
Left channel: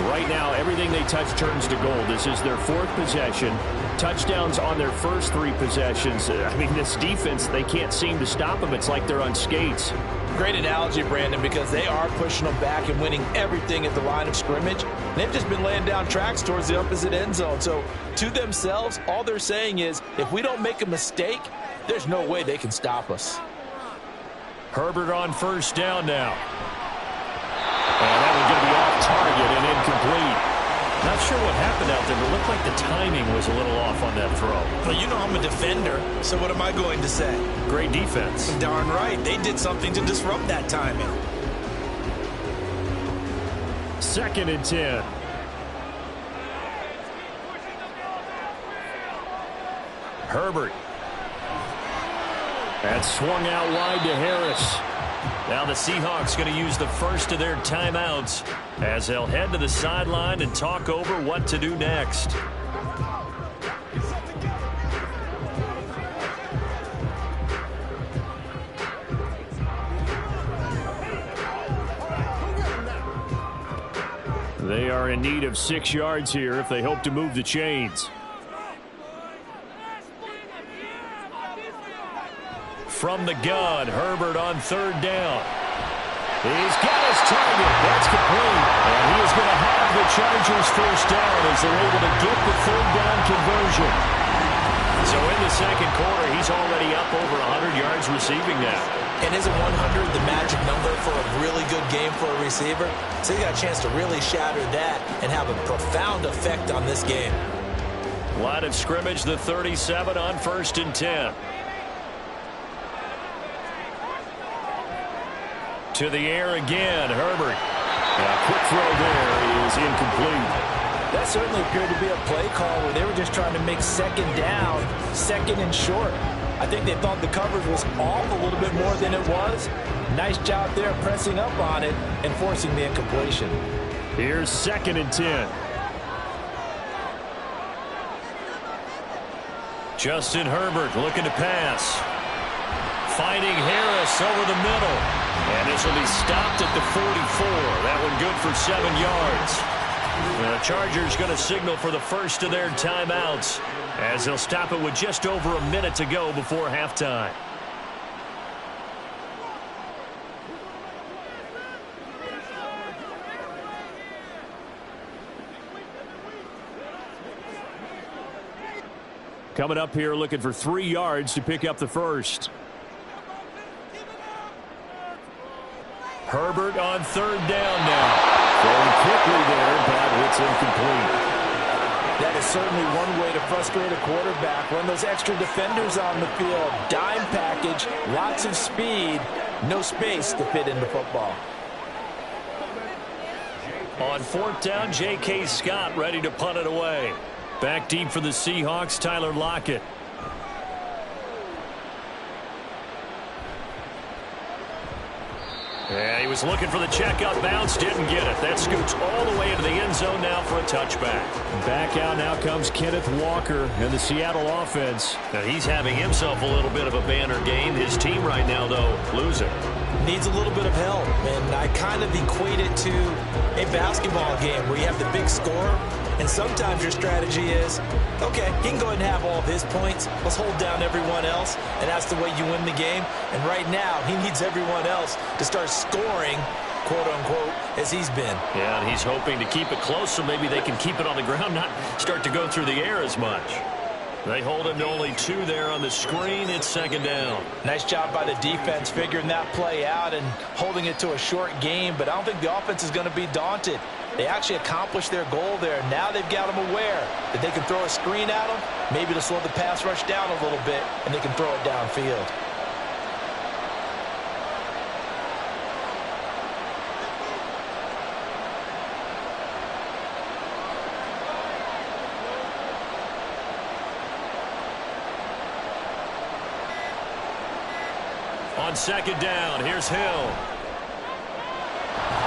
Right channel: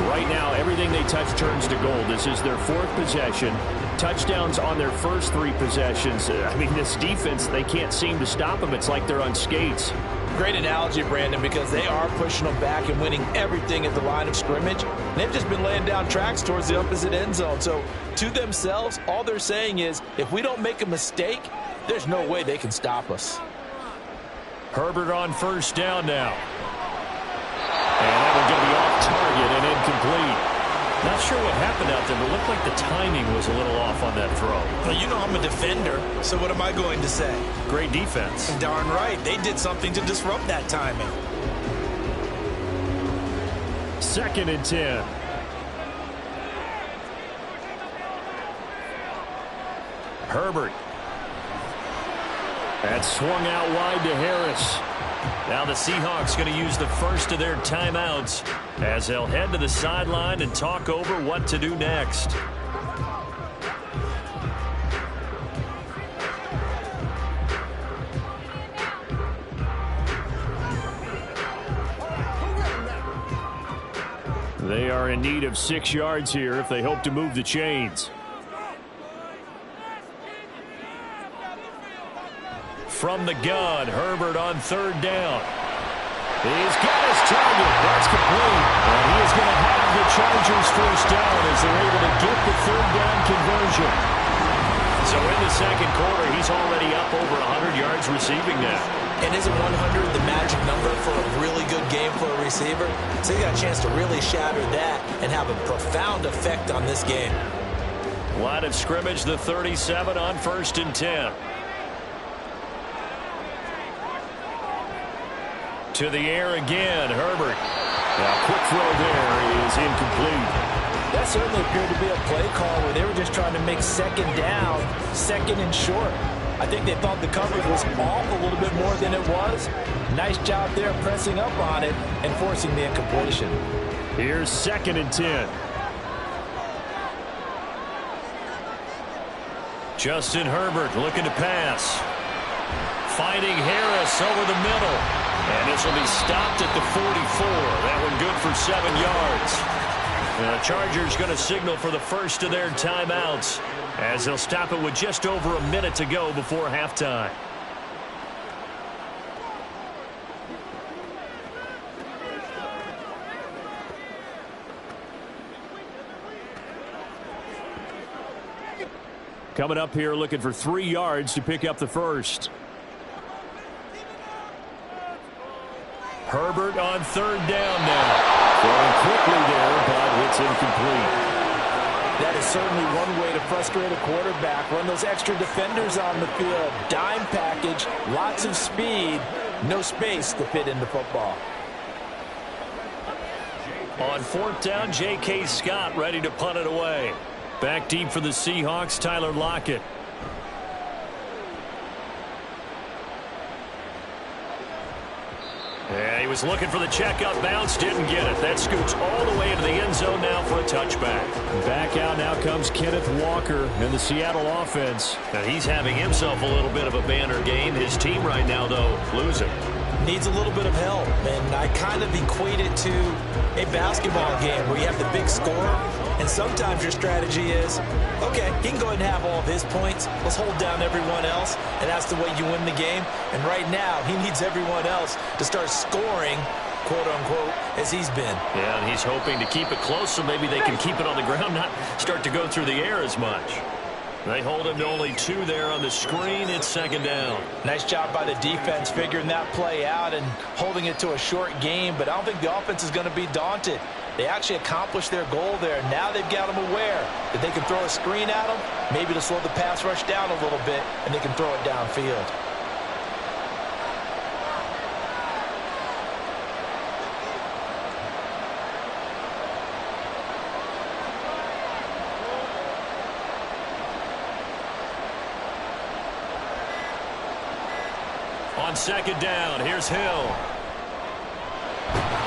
Right now, everything they touch turns to gold. This is their 4th possession. Touchdowns on their first 3 possessions. I mean, this defense, they can't seem to stop them. It's like they're on skates. Great analogy, Brandon, because they are pushing them back and winning everything at the line of scrimmage. And they've just been laying down tracks towards the opposite end zone. So to themselves, all they're saying is, if we don't make a mistake, there's no way they can stop us. Herbert on first down now. And that one's going to be off target and incomplete. Not sure what happened out there, but it looked like the timing was a little off on that throw. Well, you know I'm a defender, so what am I going to say? Great defense. Darn right. They did something to disrupt that timing. 2nd and 10. Herbert. That swung out wide to Harris. Now the Seahawks going to use the first of their timeouts as they'll head to the sideline and talk over what to do next. They are in need of 6 yards here if they hope to move the chains. From the gun, Herbert on 3rd down. He's got his target. That's complete. And he is going to have the Chargers first down as they're able to get the 3rd down conversion. So in the 2nd quarter, he's already up over 100 yards receiving now. And isn't 100 the magic number for a really good game for a receiver? So he got a chance to really shatter that and have a profound effect on this game. Line of scrimmage, the 37 on 1st and 10. To the air again, Herbert. A quick throw there is incomplete. That certainly appeared to be a play call where they were just trying to make 2nd down, 2nd and short. I think they thought the coverage was off a little bit more than it was. Nice job there pressing up on it and forcing the incompletion. Here's 2nd and 10. Justin Herbert looking to pass. Finding Harris over the middle. And this will be stopped at the 44. That one good for 7 yards. And the Chargers going to signal for the first of their timeouts as they'll stop it with just over a minute to go before halftime. Coming up here looking for 3 yards to pick up the first. Herbert on 3rd down now. Going quickly there, but it's incomplete. That is certainly one way to frustrate a quarterback. Run those extra defenders on the field. Dime package, lots of speed, no space to fit into football. On 4th down, J.K. Scott ready to punt it away. Back deep for the Seahawks, Tyler Lockett. Yeah, he was looking for the checkout bounce, didn't get it. That scoots all the way into the end zone now for a touchback. Back out now comes Kenneth Walker in the Seattle offense. Now he's having himself a little bit of a banner game. His team right now, though, losing. Needs a little bit of help, and I kind of equate it to a basketball game where you have the big score, And sometimes your strategy is, okay, he can go ahead and have all of his points. Let's hold down everyone else, and that's the way you win the game. And right now, he needs everyone else to start scoring, quote-unquote, as he's been. Yeah, and he's hoping to keep it close so maybe they can keep it on the ground, not start to go through the air as much. They hold him to only 2 there on the screen. It's second down. Nice job by the defense figuring that play out and holding it to a short game, but I don't think the offense is going to be daunted. They actually accomplished their goal there. Now they've got them aware that they can throw a screen at them, maybe to slow the pass rush down a little bit, and they can throw it downfield. On second down, here's Hill.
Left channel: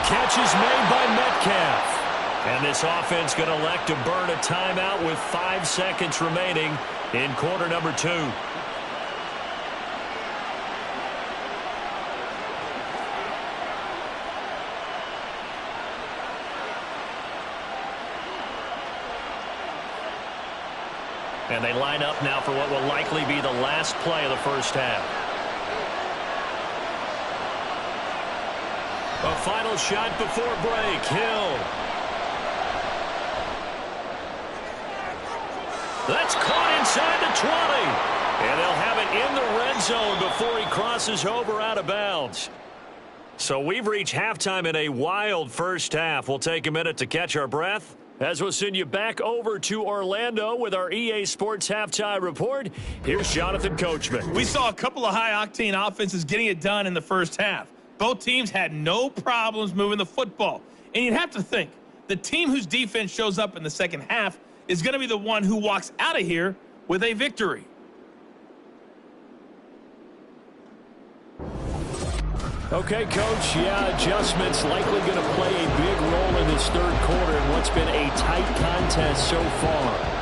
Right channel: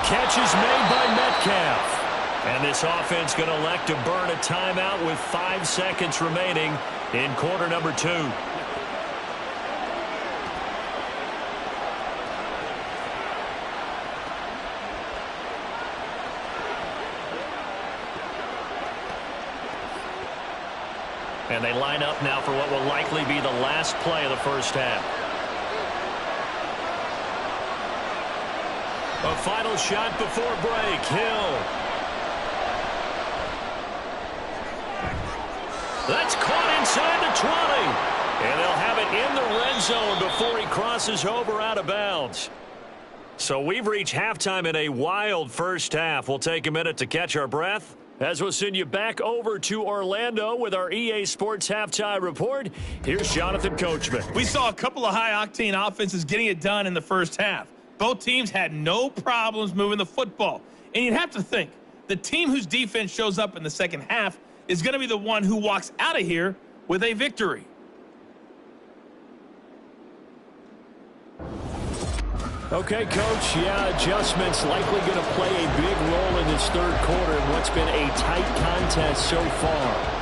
Catch is made by Metcalf. And this offense going to elect to burn a timeout with 5 seconds remaining in quarter number 2. And they line up now for what will likely be the last play of the first half. A final shot before break. Hill. That's caught inside the 20. And they'll have it in the red zone before he crosses over out of bounds. So we've reached halftime in a wild first half. We'll take a minute to catch our breath as we'll send you back over to Orlando with our EA Sports Halftime Report. Here's Jonathan Coachman. We saw a couple of high-octane offenses getting it done in the first half. Both teams had no problems moving the football. And you'd have to think, the team whose defense shows up in the second half is going to be the one who walks out of here with a victory. Okay, Coach, yeah, adjustments likely going to play a big role in this third quarter in what's been a tight contest so far.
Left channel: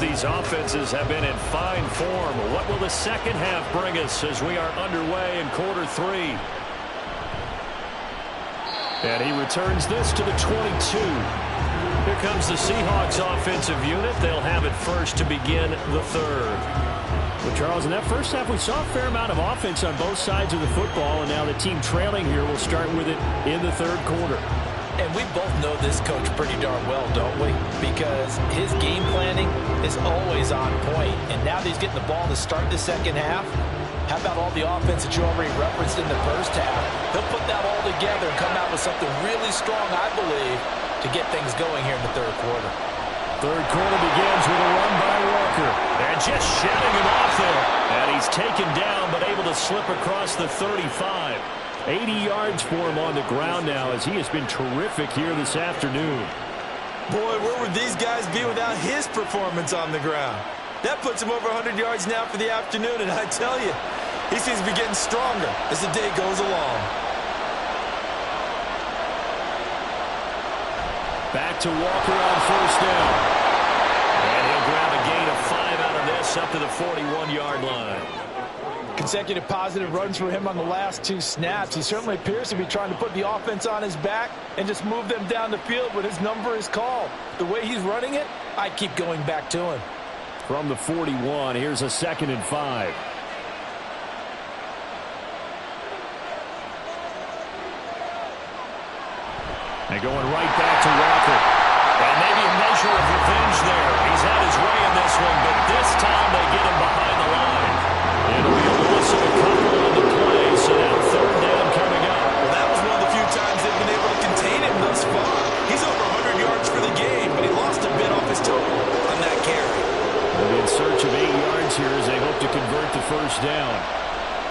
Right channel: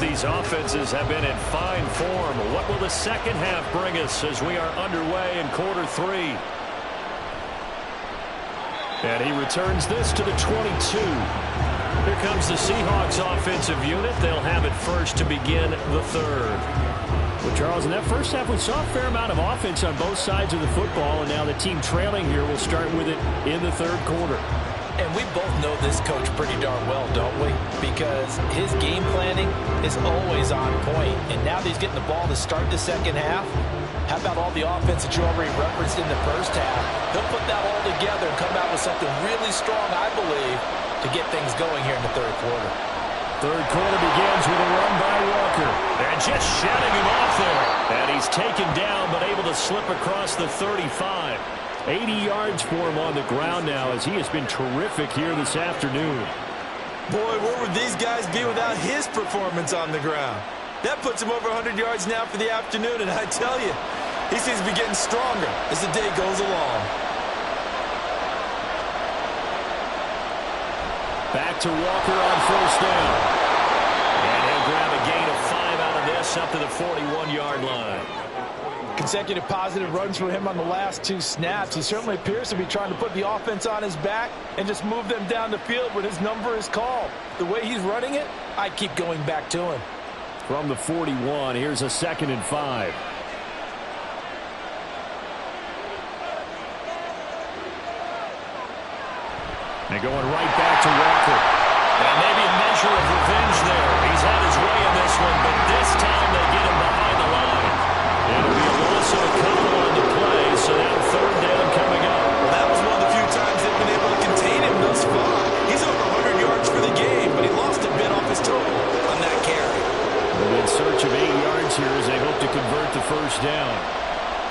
These offenses have been in fine form. What will the second half bring us as we are underway in quarter 3? And he returns this to the 22. Here comes the Seahawks offensive unit. They'll have it first to begin the third. Well, Charles, in that first half, we saw a fair amount of offense on both sides of the football, and now the team trailing here will start with it in the third quarter. And we both know this coach pretty darn well, don't we? Because his game planning is always on point. And now that he's getting the ball to start the second half, how about all the offense that you already referenced in the first half? He'll put that all together and come out with something really strong, I believe, to get things going here in the third quarter. Third quarter begins with a run by Walker. And just shedding him off there. And he's taken down but able to slip across the 35. 80 yards for him on the ground now as he has been terrific here this afternoon. Boy, where would these guys be without his performance on the ground? That puts him over 100 yards now for the afternoon, and I tell you, he seems to be getting stronger as the day goes along. Back to Walker on first down. And he'll grab a gain of 5 out of this up to the 41-yard line. Consecutive positive runs for him on the last 2 snaps. He certainly appears to be trying to put the offense on his back and just move them down the field when his number is called. The way he's running it, I keep going back to him. From the 41, here's a 2nd and 5. And going right back to Walker. And maybe a measure of revenge there. He's had his way in this one, but this time they get him behind the line. It'll be a loss of a couple on the play, so now third down coming up. Well, that was one of the few times they've been able to contain him thus far. He's over 100 yards for the game, but he lost a bit off his total on that carry. And in search of 8 yards here as they hope to convert the first down.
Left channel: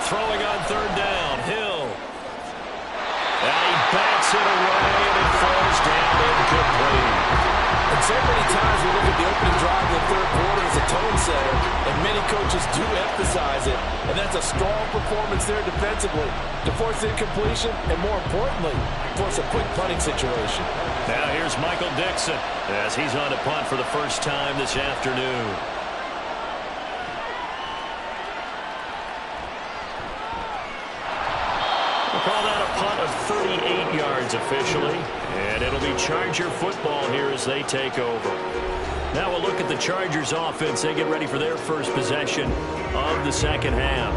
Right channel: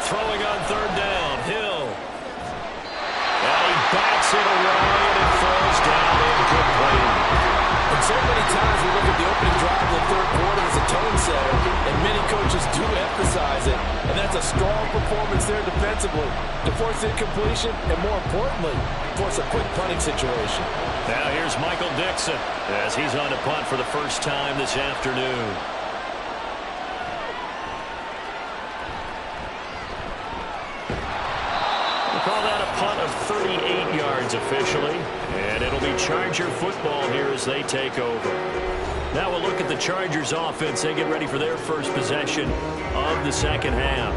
Throwing on third down, Hill. And he bats it away, and it falls down incomplete. And so many times we look at the opening drive in the third quarter as a tone setter, and many coaches do emphasize it, and that's a strong performance there defensively to force incompletion and, more importantly, force a quick punting situation. Now here's Michael Dixon as he's on to punt for the first time this afternoon. We'll call that a punt of 38 yards officially, and it'll be Charger football here as they take over. Now we'll look at the Chargers offense. They get ready for their first possession of the second half.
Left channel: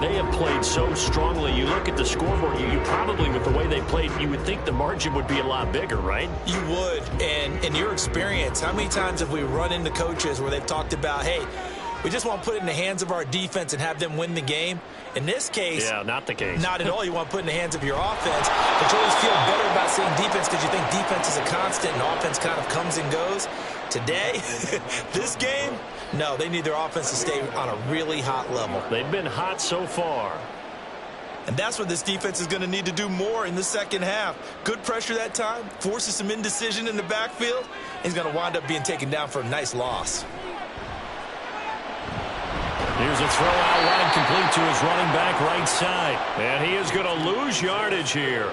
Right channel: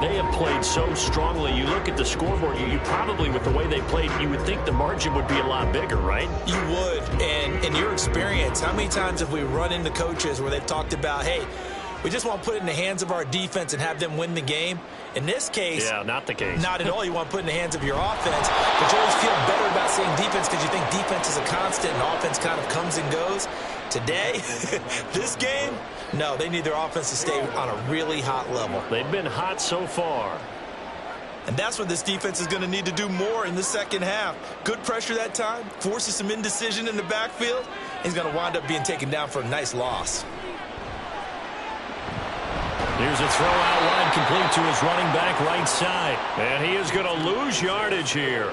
They have played so strongly. You look at the scoreboard, you probably, with the way they played, you would think the margin would be a lot bigger, right? You would. And in your experience, how many times have we run into coaches where they've talked about, hey, we just want to put it in the hands of our defense and have them win the game? In this case, yeah, not the case. Not at all. You want to put it in the hands of your offense, but you always feel better about saying defense because you think defense is a constant and offense kind of comes and goes. Today, this game, no, they need their offense to stay on a really hot level. They've been hot so far. And that's what this defense is going to need to do more in the second half. Good pressure that time, forces some indecision in the backfield. He's going to wind up being taken down for a nice loss. Here's a throw out wide, complete to his running back right side. And he is going to lose yardage here.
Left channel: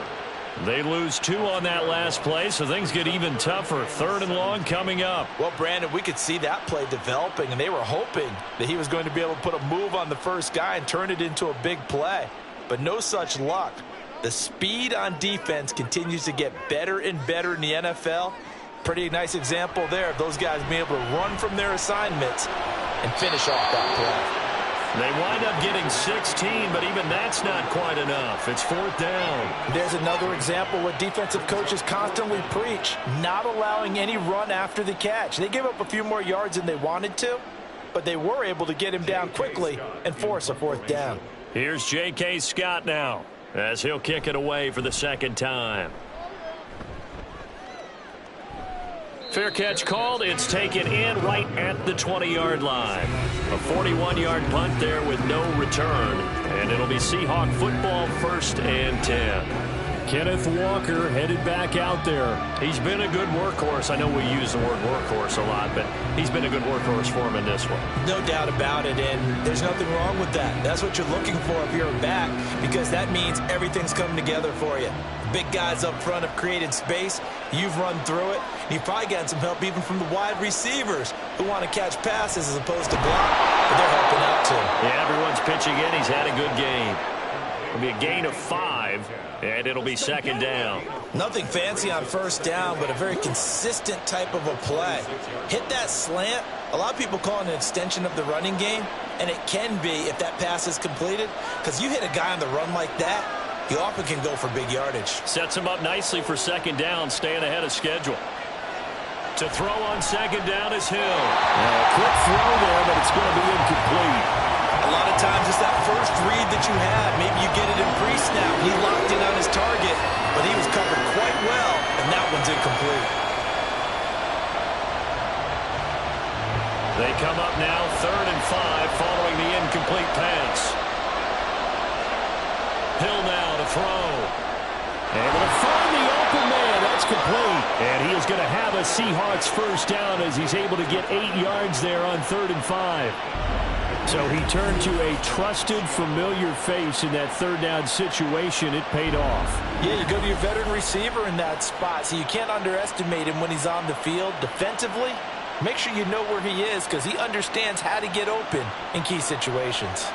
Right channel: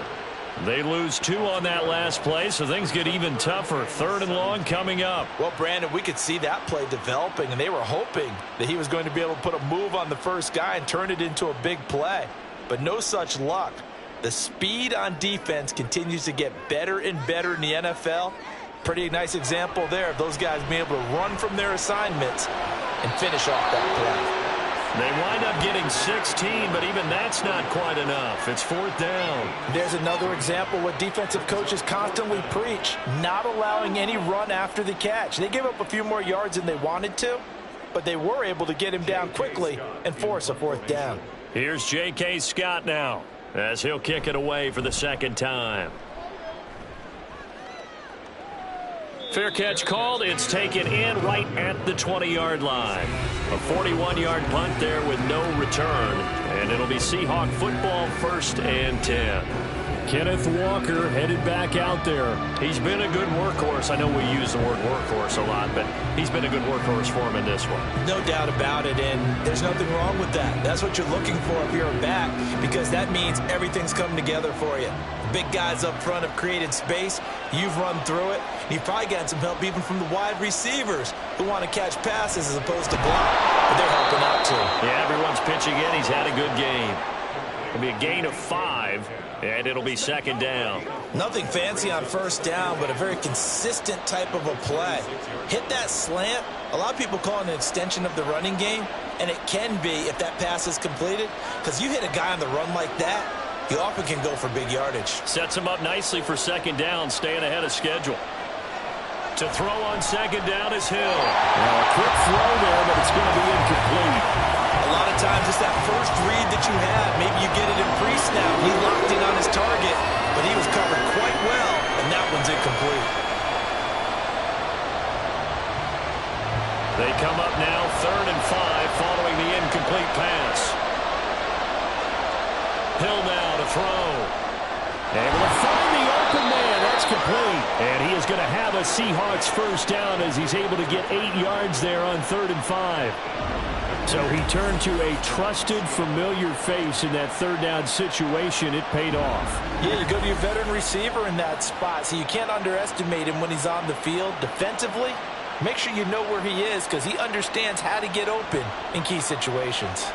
They lose 2 on that last play, so things get even tougher. 3rd and long coming up. Well, Brandon, we could see that play developing, and they were hoping that he was going to be able to put a move on the first guy and turn it into a big play. But no such luck. The speed on defense continues to get better and better in the NFL. Pretty nice example there of those guys being able to run from their assignments and finish off that play. They wind up getting 16, but even that's not quite enough. It's 4th down. There's another example what defensive coaches constantly preach, not allowing any run after the catch. They gave up a few more yards than they wanted to, but they were able to get him down quickly and force a 4th down. Here's J.K. Scott now as he'll kick it away for the second time. Fair catch called. It's taken in right at the 20-yard line. A 41-yard punt there with no return. And it'll be Seahawk football, 1st and 10. Kenneth Walker headed back out there. He's been a good workhorse. I know we use the word workhorse a lot, but he's been a good workhorse for him in this one. No doubt about it, and there's nothing wrong with that. That's what you're looking for if you're a back, because that means everything's coming together for you. Big guys up front have created space. You've run through it. You've probably gotten some help even from the wide receivers who want to catch passes as opposed to block, but they're helping out too. Yeah, everyone's pitching in. He's had a good game. It'll be a gain of 5, and it'll be 2nd down. Nothing fancy on 1st down, but a very consistent type of a play. Hit that slant. A lot of people call it an extension of the running game, and it can be if that pass is completed, because you hit a guy on the run like that, you often can go for big yardage. Sets him up nicely for 2nd down, staying ahead of schedule. To throw on 2nd down is Hill. Now a quick throw there, but it's going to be incomplete. A lot of times it's that first read that you had. Maybe you get it in pre-snap. He locked in on his target, but he was covered quite well, and that one's incomplete. They come up now 3rd and 5 following the incomplete pass. Hill now to throw. Able to find the open man. That's complete. And he is going to have a Seahawks 1st down as he's able to get 8 yards there on 3rd and 5. So he turned to a trusted, familiar face in that 3rd down situation. It paid off. Yeah, you go to your veteran receiver in that spot, so you can't underestimate him when he's on the field. Defensively, make sure you know where he is because he understands how to get open in key situations.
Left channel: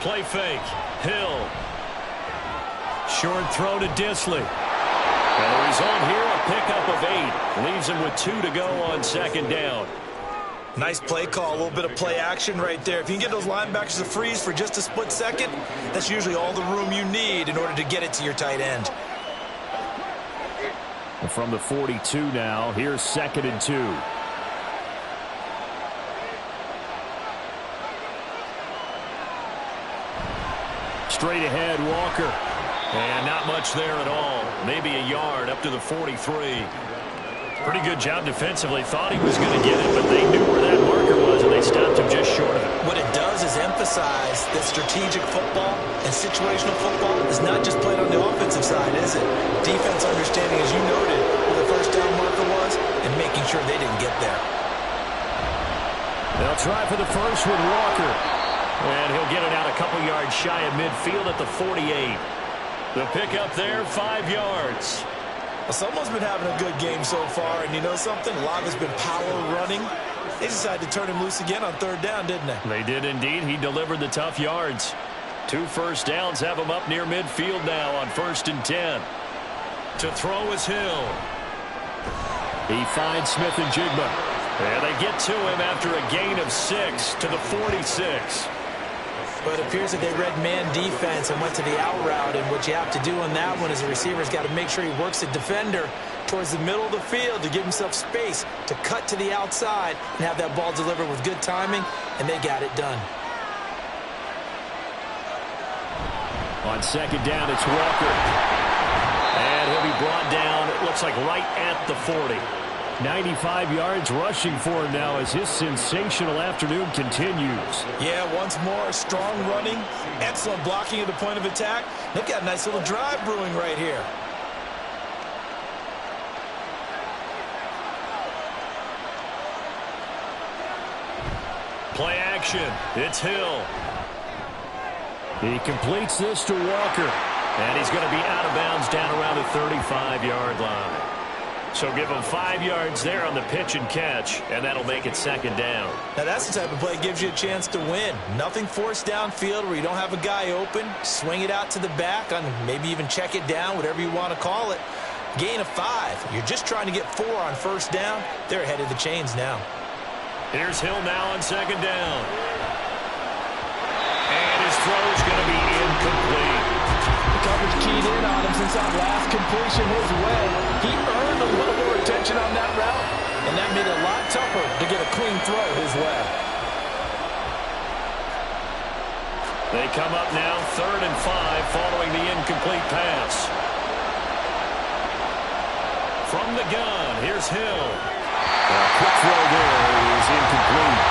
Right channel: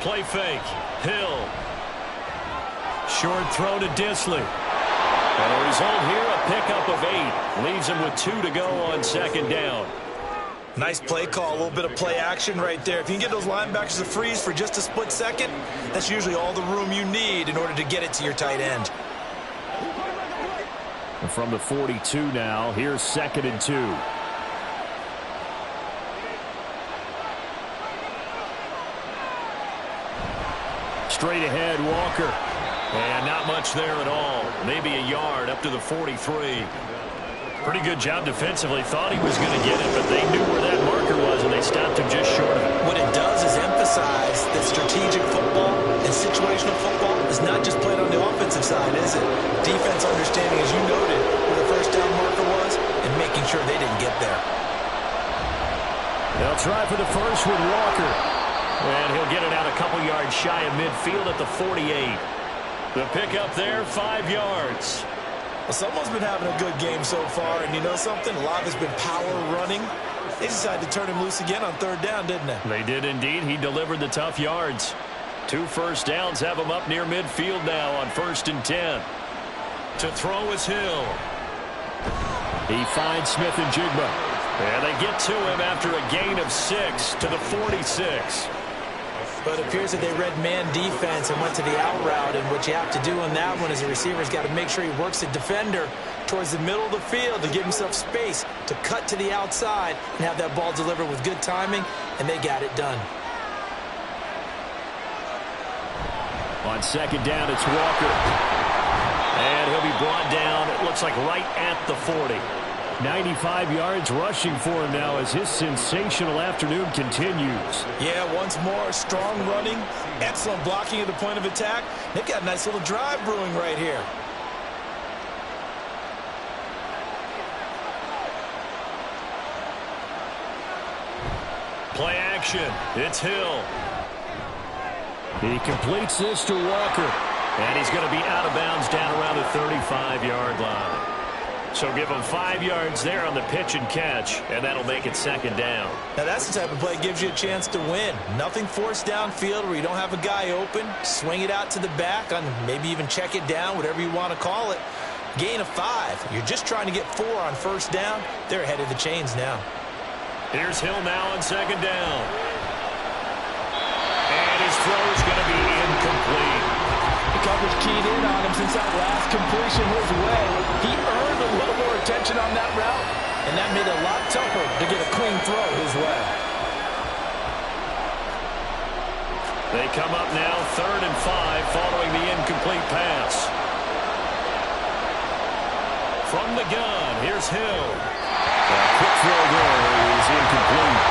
Play fake. Hill. Short throw to Disley. And the result here, a pickup of 8. Leaves him with 2 to go on 2nd down. Nice play call, a little bit of play action right there. If you can get those linebackers to freeze for just a split second, that's usually all the room you need in order to get it to your tight end. And from the 42 now, here's 2nd and 2. Straight ahead, Walker. And not much there at all. Maybe a yard up to the 43. Pretty good job defensively. Thought he was going to get it, but they knew where that marker was, and they stopped him just short of it. What it does is emphasize that strategic football and situational football is not just played on the offensive side, is it? Defense understanding, as you noted, where the first down marker was and making sure they didn't get there. They'll try for the first with Walker. And he'll get it out a couple yards shy of midfield at the 48. The pickup there, 5 yards. Well, someone's been having a good game so far, and you know something? A lot has been power running. They decided to turn him loose again on third down, didn't they? They did indeed. He delivered the tough yards. 2 first downs have him up near midfield now on 1st and 10. To throw is Hill. He finds Smith and Jigba. And they get to him after a gain of 6 to the 46. But it appears that they read man defense and went to the out route. And what you have to do on that one is the receiver's got to make sure he works the defender towards the middle of the field to give himself space to cut to the outside and have that ball delivered with good timing. And they got it done. On 2nd down, it's Walker. And he'll be brought down, it looks like right at the 40. 95 yards rushing for him now as his sensational afternoon continues. Yeah, once more, strong running, excellent blocking at the point of attack. They've got a nice little drive brewing right here. Play action. It's Hill. He completes this to Walker. And he's going to be out of bounds down around the 35-yard line. So give him 5 yards there on the pitch and catch, and that'll make it 2nd down. Now that's the type of play that gives you a chance to win. Nothing forced downfield where you don't have a guy open. Swing it out to the back, on maybe even check it down, whatever you want to call it. Gain of 5. You're just trying to get 4 on 1st down. They're ahead of the chains now. Here's Hill now on 2nd down. And his throw is going to be incomplete. The coverage keyed in on him since that last completion his way. He earned a little more attention on that route, and that made it a lot tougher to get a clean throw his way. They come up now 3rd and 5 following the incomplete pass. From the gun, here's Hill. A quick throw there is incomplete.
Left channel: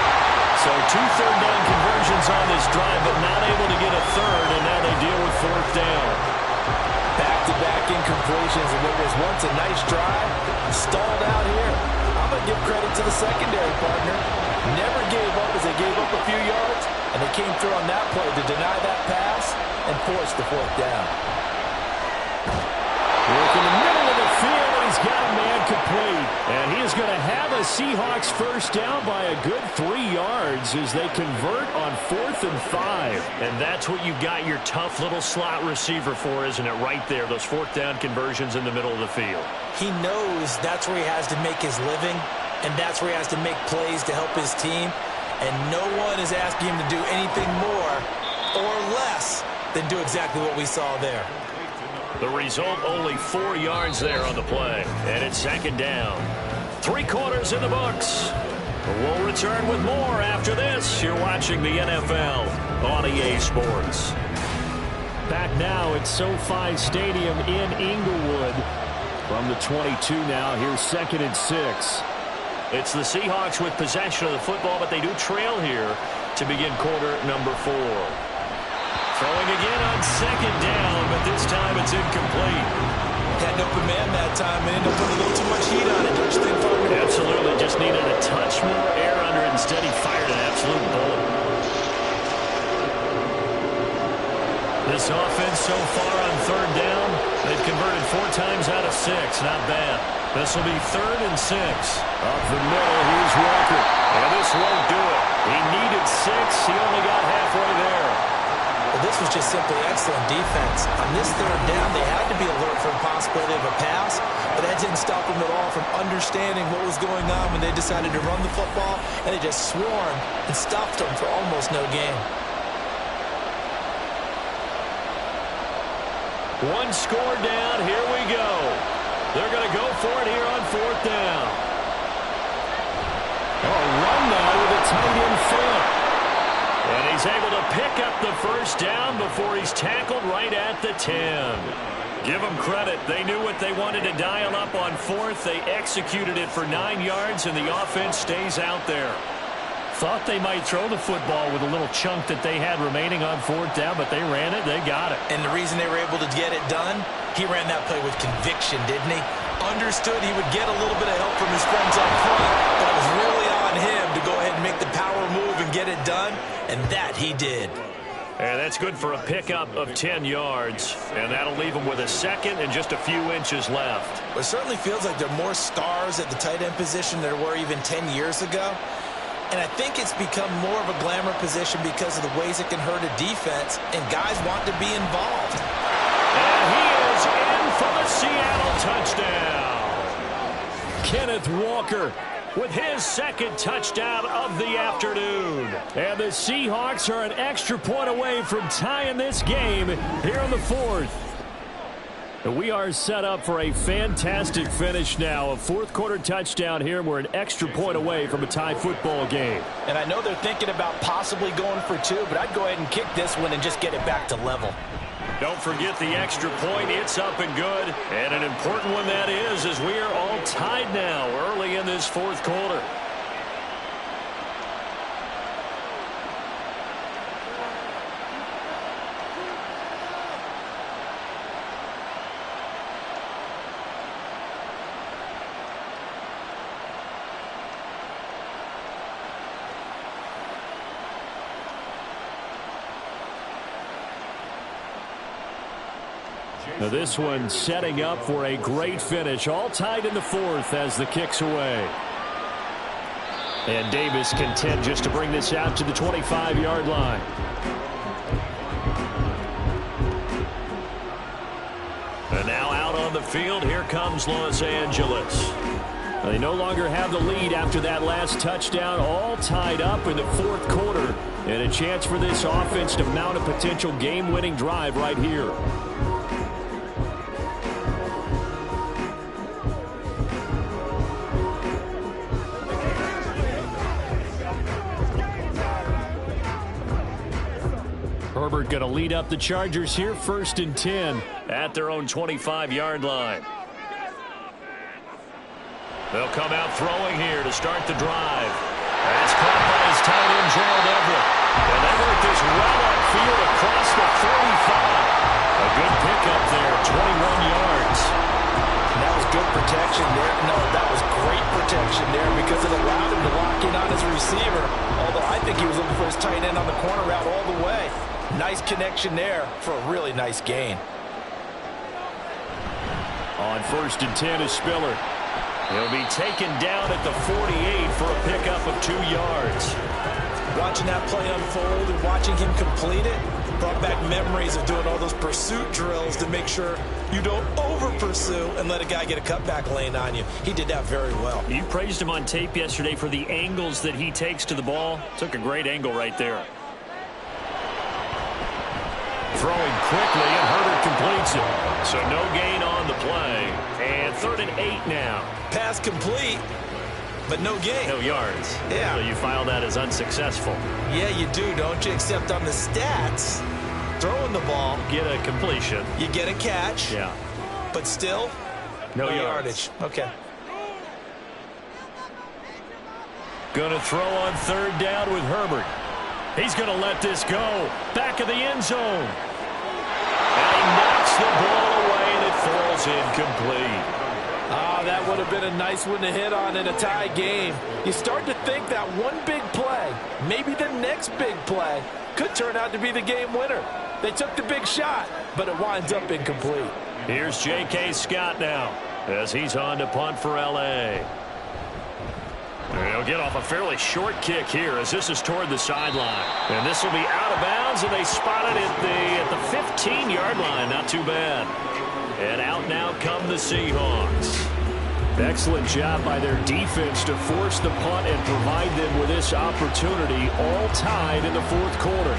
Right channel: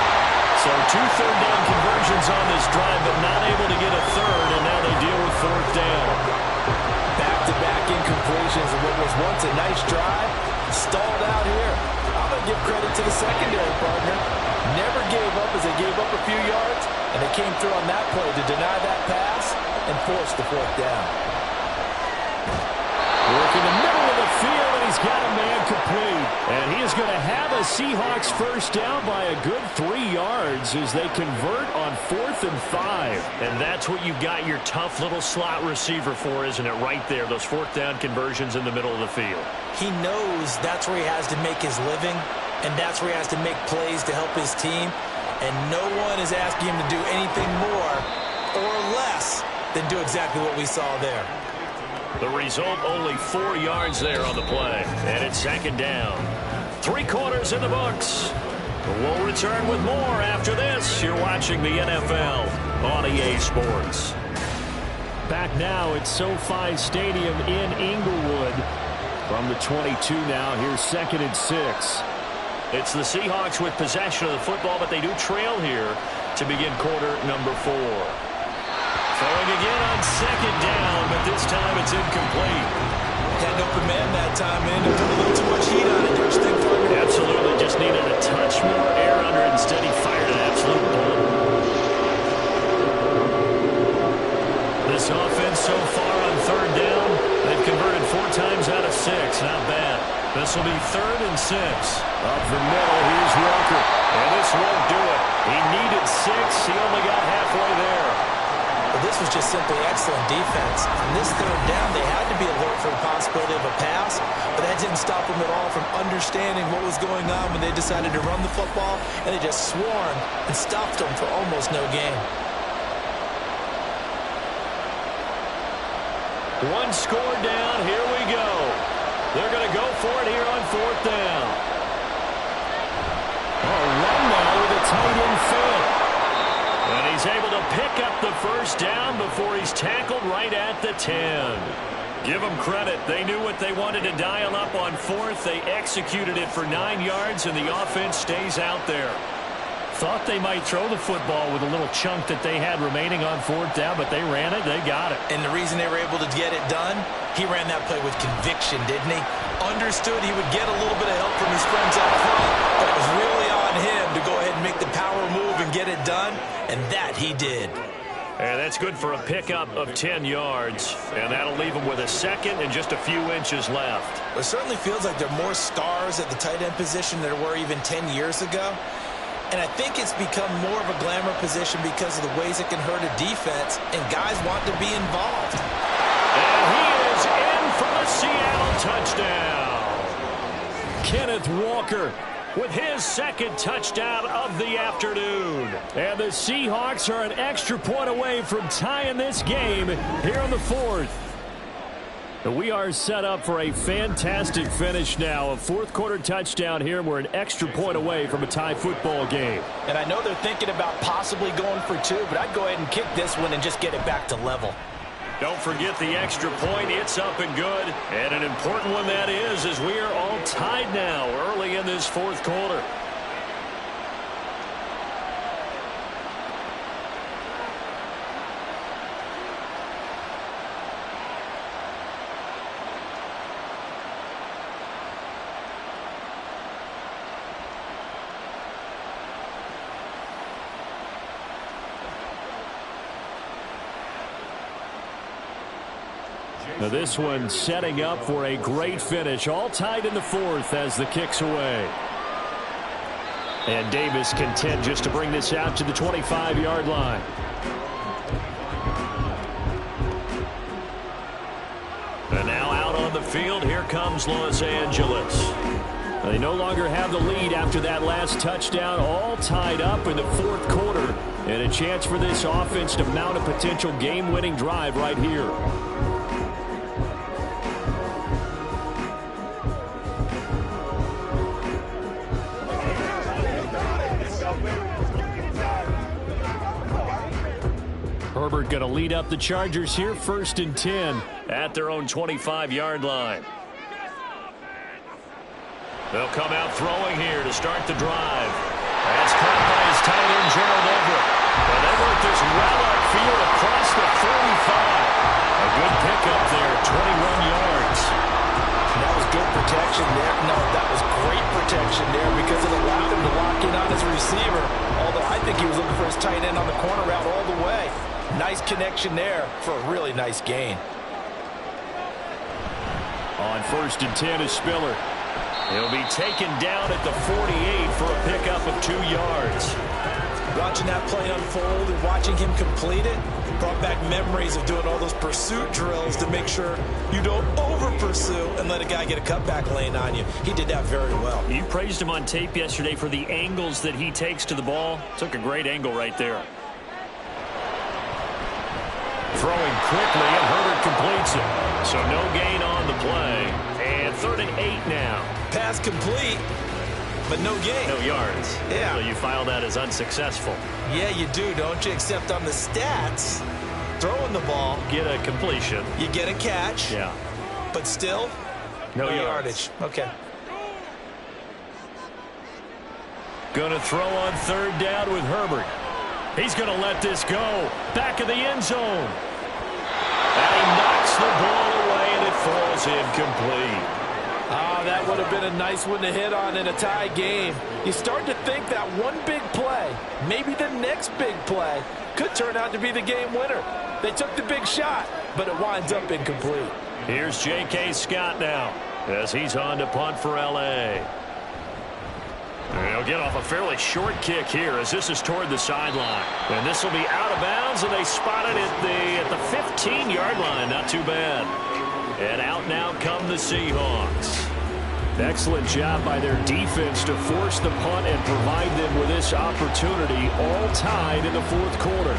So 2 third down conversions on this drive, but not able to get a 3rd, and now they deal with 4th down. Back-to-back incompletions of what was once a nice drive, stalled out here. I'm going to give credit to the secondary partner. Never gave up as they gave up a few yards, and they came through on that play to deny that pass and force the 4th down. Work in the middle of the field, and he's got a man complete. And he is going to have a Seahawks first down by a good 3 yards as they convert on 4th and 5. And that's what you got your tough little slot receiver for, isn't it? Right there, those 4th down conversions in the middle of the field. He knows that's where he has to make his living, and that's where he has to make plays to help his team. And no one is asking him to do anything more or less than do exactly what we saw there. The result, only 4 yards there on the play. And it's 2nd down. 3 quarters in the books. We'll return with more after this. You're watching the NFL on EA Sports. Back now at SoFi Stadium in Inglewood. From the 22 now, here's 2nd and 6. It's the Seahawks with possession of the football, but they do trail here to begin quarter number 4. Throwing again on 2nd down, but this time it's incomplete. Had an open man that time, and ended up putting a little too much heat on it, don't you think, partner? Absolutely. Just needed a touch more air under it. Instead, he fired an absolute bullet. This offense so far on 3rd down, they've converted 4 times out of 6. Not bad. This will be 3rd and 6. Up the middle, here's Walker. And this won't do it. He needed 6. He only got halfway there. Well, this was just simply excellent defense. On this 3rd down, they had to be alert for the possibility of a pass, but that didn't stop them at all from understanding what was going on when they decided to run the football, and they just swarmed and stopped them for almost no gain. 1 score down. Here we go. They're going to go for it here on 4th down. A run now with a tight end fit. And he's able to pick up the first down before he's tackled right at the 10. Give them credit. They knew what they wanted to dial up on 4th. They executed it for 9 yards, and the offense stays out there. Thought they might throw the football with a little chunk that they had remaining on fourth down, but they ran it. They got it. And the reason they were able to get it done, he ran that play with conviction, didn't he? Understood he would get a little bit of help from his friends up front, but it was really on him to go ahead and make the power move and get it done, and that he did. And that's good for a pickup of 10 yards, and that'll leave them with a second and just a few inches left. It certainly feels like there are more stars at the tight end position than there were even 10 years ago. And I think it's become more of a glamour position because of the ways it can hurt a defense, and guys want to be involved. And he is in for the Seattle touchdown. Kenneth Walker with his second touchdown of the afternoon. And the Seahawks are an extra point away from tying this game here in the fourth. We are set up for a fantastic finish now. A fourth-quarter touchdown here. We're an extra point away from a tie football game. And I know they're thinking about possibly going for two, but I'd go ahead and kick this one and just get it back to level. Don't forget the extra point. It's up and good. And an important one that is, as we are all tied now early in this fourth quarter. Now this one setting up for a great finish. All tied in the fourth as the kick's away. And Davis content just to bring this out to the 25-yard line. And now out on the field, here comes Los Angeles. They no longer have the lead after that last touchdown. All tied up in the fourth quarter. And a chance for this offense to mount a potential game-winning drive right here. Herbert going to lead up the Chargers here, 1st and 10 at their own 25-yard line. They'll come out throwing here to start the drive. That's caught by his tight end, Gerald Everett. And they work this well upfield across the 45. A good pickup there, 21 yards. That was good protection there. No, that was great protection there because it allowed him to lock in on his receiver. Although I think he was looking for his tight end on the corner route all the way. Nice connection there for a really nice gain. On 1st and 10 is Spiller. He'll be taken down at the 48 for a pickup of 2 yards. Watching that play unfold and watching him complete it brought back memories of doing all those pursuit drills to make sure you don't over-pursue and let a guy get a cutback lane on you. He did that very well. You praised him on tape yesterday for the angles that he takes to the ball. Took a great angle right there. Throwing quickly, and Herbert completes it. So no gain on the play. And 3rd and 8 now. Pass complete, but no gain. No yards. Yeah. So you file that as unsuccessful. Yeah, you do, don't you? Except on the stats, throwing the ball. Get a completion. You get a catch. Yeah. But still, no yardage. Okay. Going to throw on 3rd down with Herbert. He's going to let this go. Back of the end zone. And he knocks the ball away, and it falls incomplete. That would have been a nice one to hit on in a tie game. You start to think that one big play, maybe the next big play, could turn out to be the game winner. They took the big shot, but it winds up incomplete. Here's J.K. Scott now as he's on to punt for L.A. They'll get off a fairly short kick here as this is toward the sideline. And this will be out of bounds, and they spot it at the 15-yard line. Not too bad. And out now come the Seahawks. Excellent job by their defense to force the punt and provide them with this opportunity, all tied in the fourth quarter.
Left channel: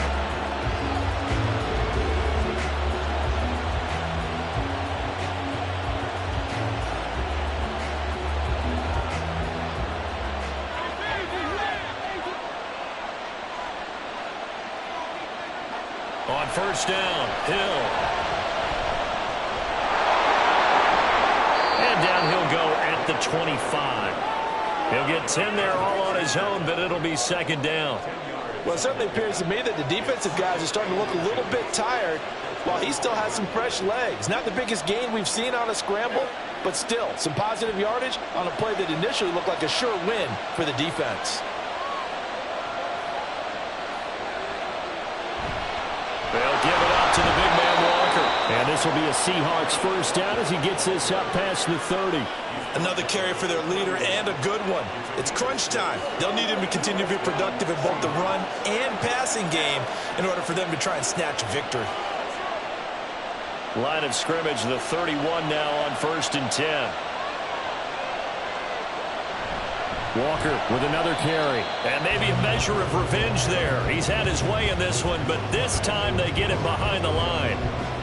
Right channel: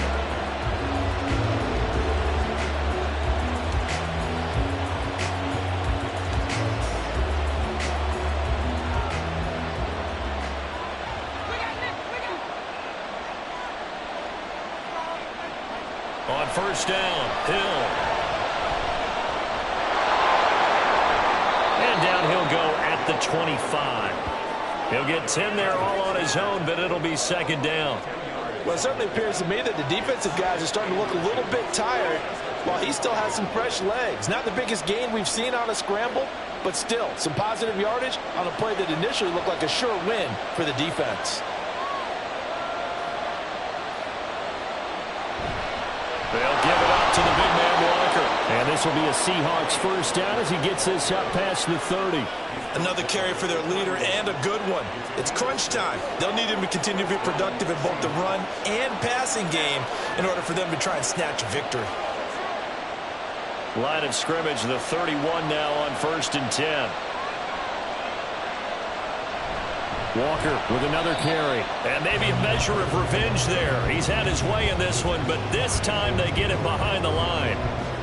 On 1st down, Hill. And down he'll go at the 25. He'll get 10 there all on his own, but it'll be second down. Well, it certainly appears to me that the defensive guys are starting to look a little bit tired while he still has some fresh legs. Not the biggest gain we've seen on a scramble, but still some positive yardage on a play that initially looked like a sure win for the defense. They'll give it up to the big man Walker. And this will be a Seahawks first down as he gets this up past the 30. Another carry for their leader and a good one. It's crunch time. They'll need him to continue to be productive in both the run and passing game in order for them to try and snatch a victory. Line of scrimmage, the 31 now on 1st and 10. Walker with another carry. And maybe a measure of revenge there. He's had his way in this one, but this time they get it behind the line.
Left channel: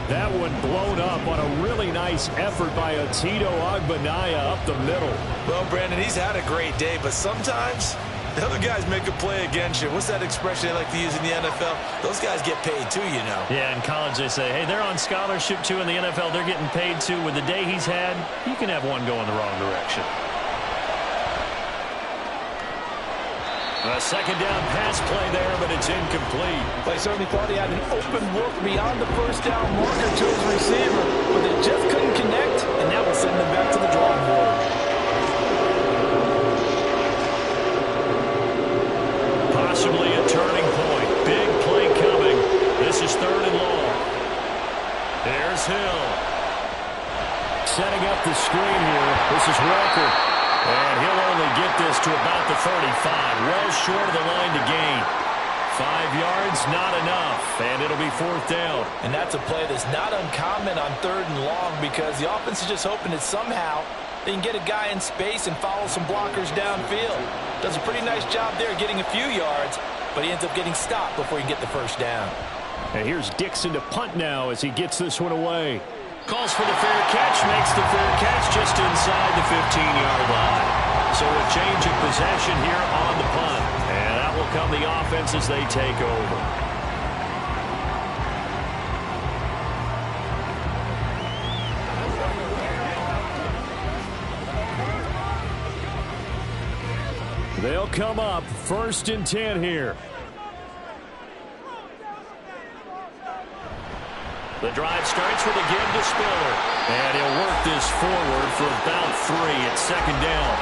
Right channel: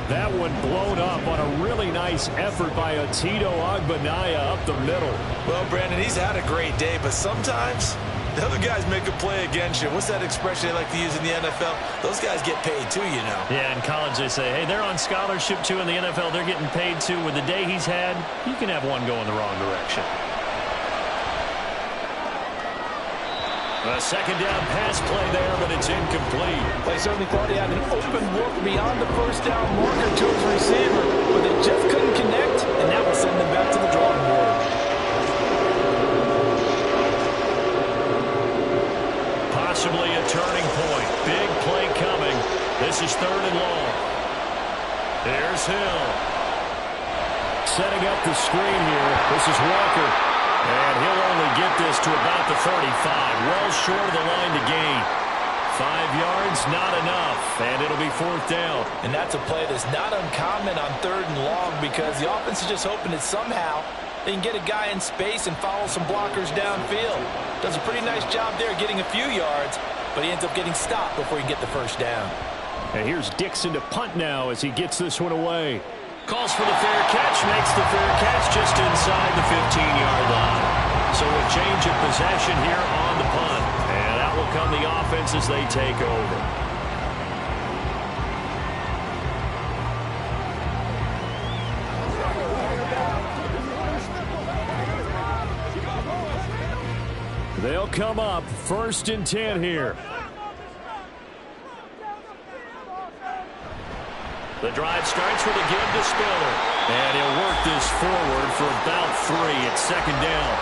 That one blown up on a really nice effort by Tito Agbanaya up the middle. Well, Brandon, he's had a great day, but sometimes the other guys make a play against you. What's that expression they like to use in the NFL? Those guys get paid too, you know. Yeah, in college they say, hey, they're on scholarship too. In the NFL, they're getting paid too. With the day he's had, you can have one going the wrong direction. A second down pass play there, but it's incomplete. They certainly thought he had an open look beyond the first down marker to his receiver, but they just couldn't connect, and that will send them back to the drawing board. Possibly a turning point. Big play coming. This is 3rd and long. There's Hill. Setting up the screen here. This is Walker. And he'll only get this to about the 35. Well short of the line to gain. 5 yards, not enough. And it'll be 4th down. And that's a play that's not uncommon on 3rd and long because the offense is just hoping that somehow they can get a guy in space and follow some blockers downfield. Does a pretty nice job there getting a few yards, but he ends up getting stopped before he can get the first down. And here's Dixon to punt now as he gets this one away. Calls for the fair catch, makes the fair catch just inside the 15-yard line. So a change of possession here on the punt. And out will come the offense as they take over. They'll come up 1st and 10 here. The drive starts with a give to Spiller. And he'll work this forward for about 3 at 2nd down.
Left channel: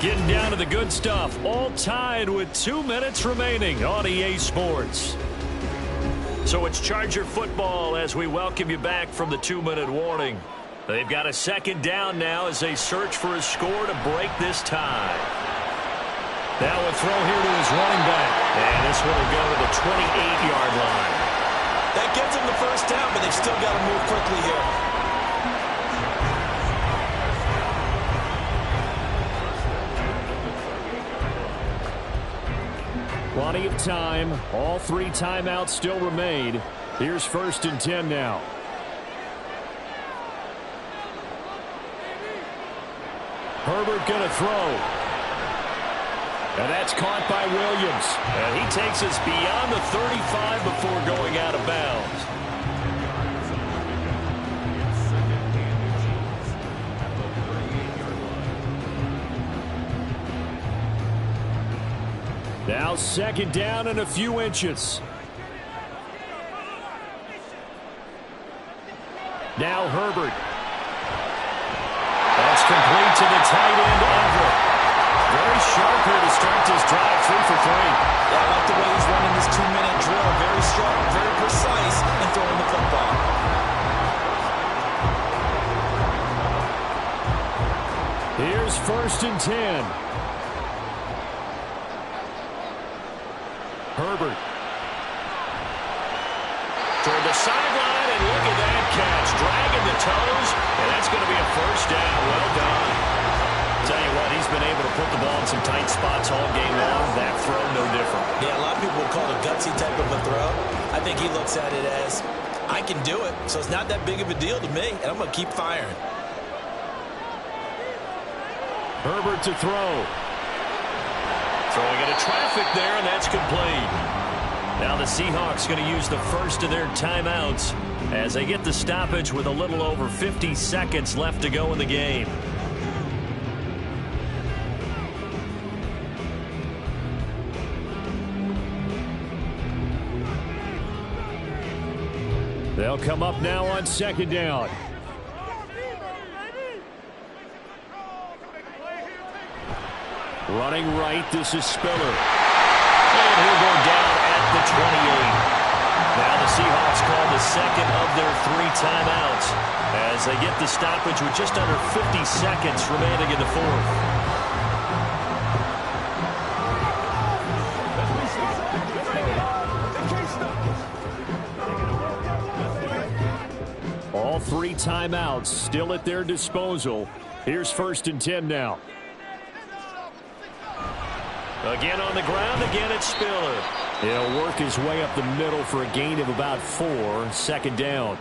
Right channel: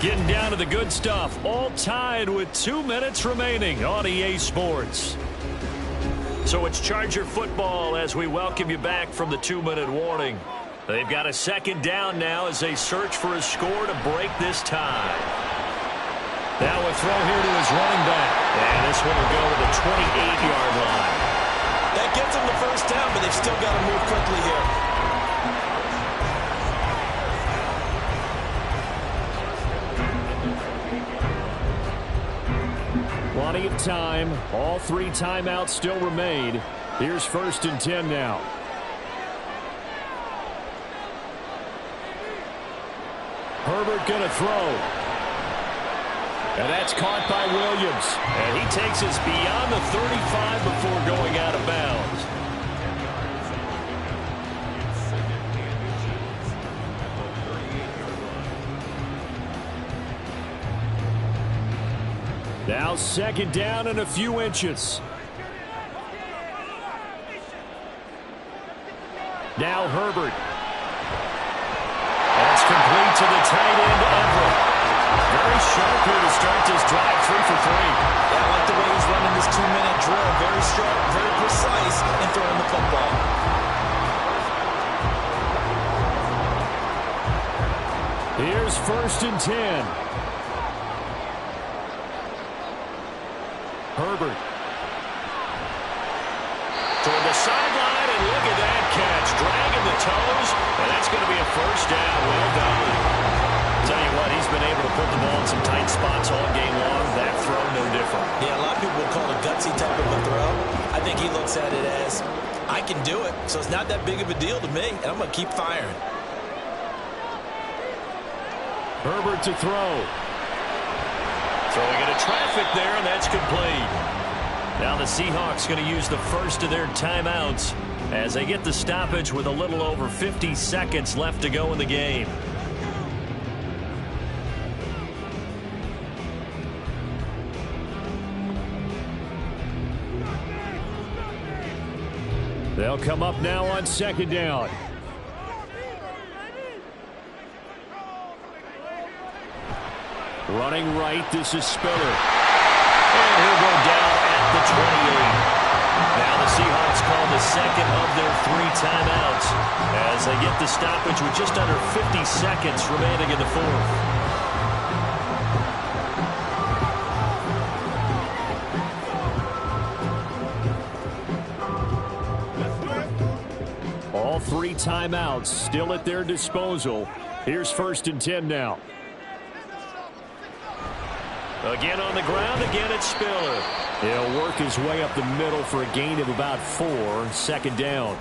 Getting down to the good stuff. All tied with 2 minutes remaining on EA Sports. So it's Charger football as we welcome you back from the 2-minute warning. They've got a 2nd down now as they search for a score to break this tie. Now a throw here to his running back. And this one will go to the 28-yard line. That gets them the first down, but they've still got to move quickly here. Plenty of time. All 3 timeouts still remain. Here's 1st and 10 now. Herbert going to throw. And that's caught by Williams. And he takes us beyond the 35 before going out of bounds. Now 2nd down and a few inches. Now Herbert. That's complete to the tight end, Everett. Very sharp here to start this drive, 3 for 3. Yeah, I like the way he's running this 2-minute drill. Very sharp, very precise in throwing the football. Here's 1st and 10. Herbert. Toward the sideline, and look at that catch. Dragging the toes, and that's going to be a first down. Well done. Tell you what, he's been able to put the ball in some tight spots all game long. That throw, no different. Yeah, a lot of people would call it a gutsy type of a throw. I think he looks at it as, I can do it, so it's not that big of a deal to me, and I'm going to keep firing. Herbert to throw. Throwing into traffic there, and that's complete. Now the Seahawks going to use the first of their timeouts as they get the stoppage with a little over 50 seconds left to go in the game. They'll come up now on second down. Running right, this is Spiller. And he'll go down at the 28. Now the Seahawks call the second of their 3 timeouts as they get the stoppage with just under 50 seconds remaining in the fourth. All 3 timeouts still at their disposal. Here's 1st and 10 now. Again on the ground, again it's Spiller. He'll work his way up the middle for a gain of about 4, second down.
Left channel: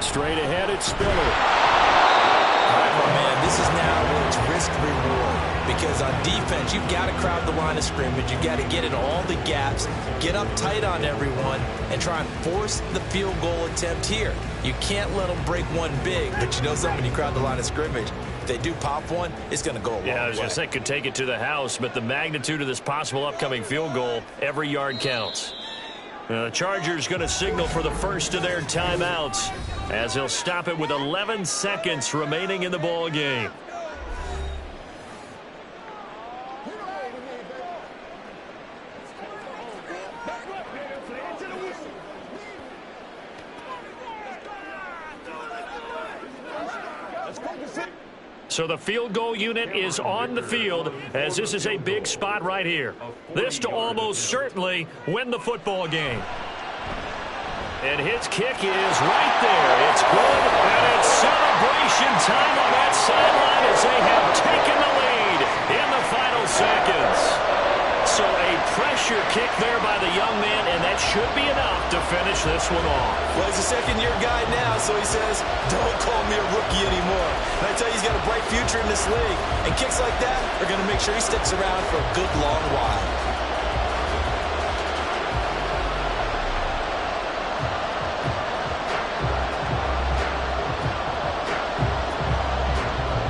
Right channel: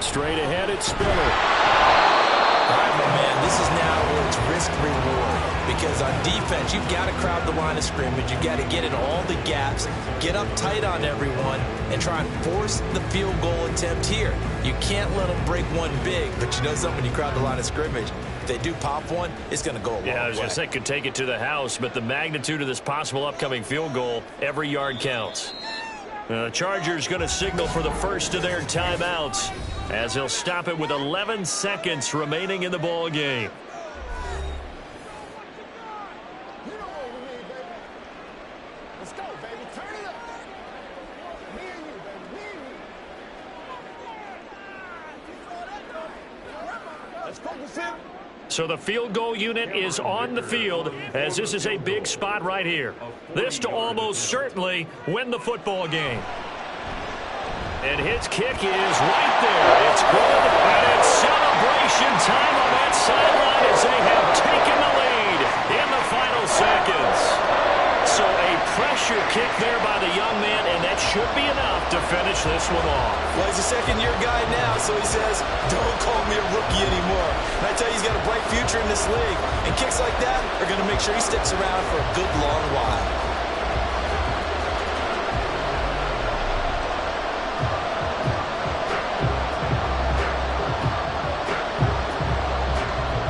Straight ahead, it's Spiller. All right, my man, this is now where it's risk-reward. Because on defense, you've got to crowd the line of scrimmage. You've got to get in all the gaps, get up tight on everyone, and try and force the field goal attempt here. You can't let them break one big, but you know something, when you crowd the line of scrimmage, if they do pop one, it's going to go a long way. Yeah, I was going to say, could take it to the house, but the magnitude of this possible upcoming field goal, every yard counts. The Chargers going to signal for the first of their timeouts as he'll stop it with 11 seconds remaining in the ball game. So the field goal unit is on the field as this is a big spot right here. This to almost certainly win the football game. And his kick is right there. It's good, and it's celebration time on that sideline as they have taken the lead in the final seconds. So a pressure kick there by the young man, and that should be enough to finish this one off. Well, he's a second-year guy now, so he says, don't call me a rookie anymore. And I tell you, he's got a bright future in this league. And kicks like that are going to make sure he sticks around for a good long while.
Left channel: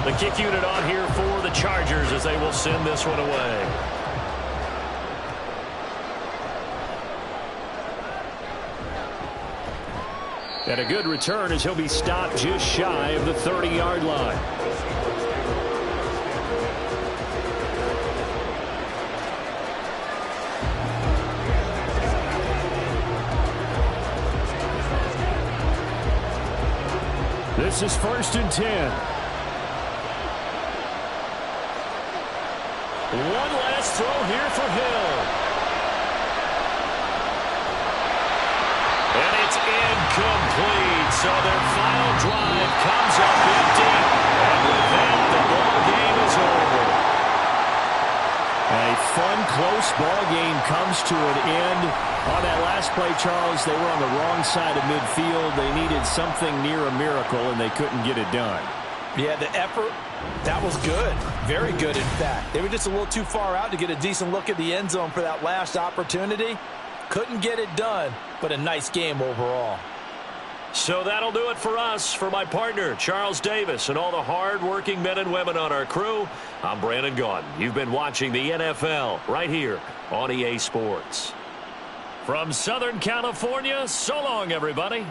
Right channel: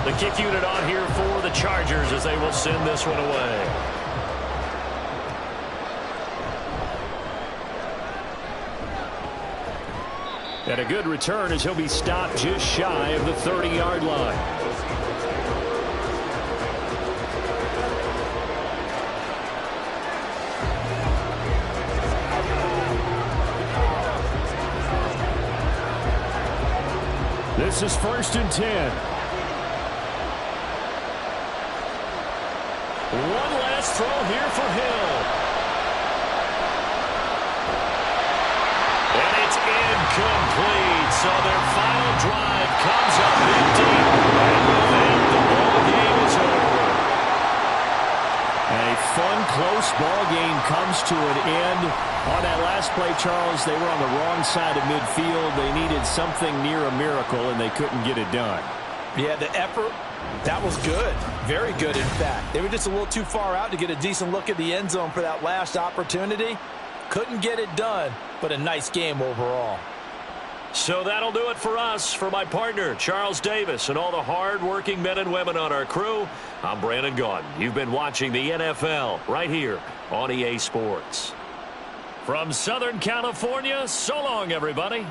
The kick unit on here for the Chargers as they will send this one away. And a good return as he'll be stopped just shy of the 30-yard line. This is 1st and 10. One last throw here for Hill. And it's incomplete. So their final drive comes up empty. And with that, the ball game is over. A fun, close ball game comes to an end. On that last play, Charles, they were on the wrong side of midfield. They needed something near a miracle, and they couldn't get it done. Yeah, the effort, that was good. Very good, in fact. They were just a little too far out to get a decent look at the end zone for that last opportunity. Couldn't get it done, but a nice game overall. So that'll do it for us. For my partner, Charles Davis, and all the hard-working men and women on our crew, I'm Brandon Gaudin. You've been watching the NFL right here on EA Sports. From Southern California, so long, everybody.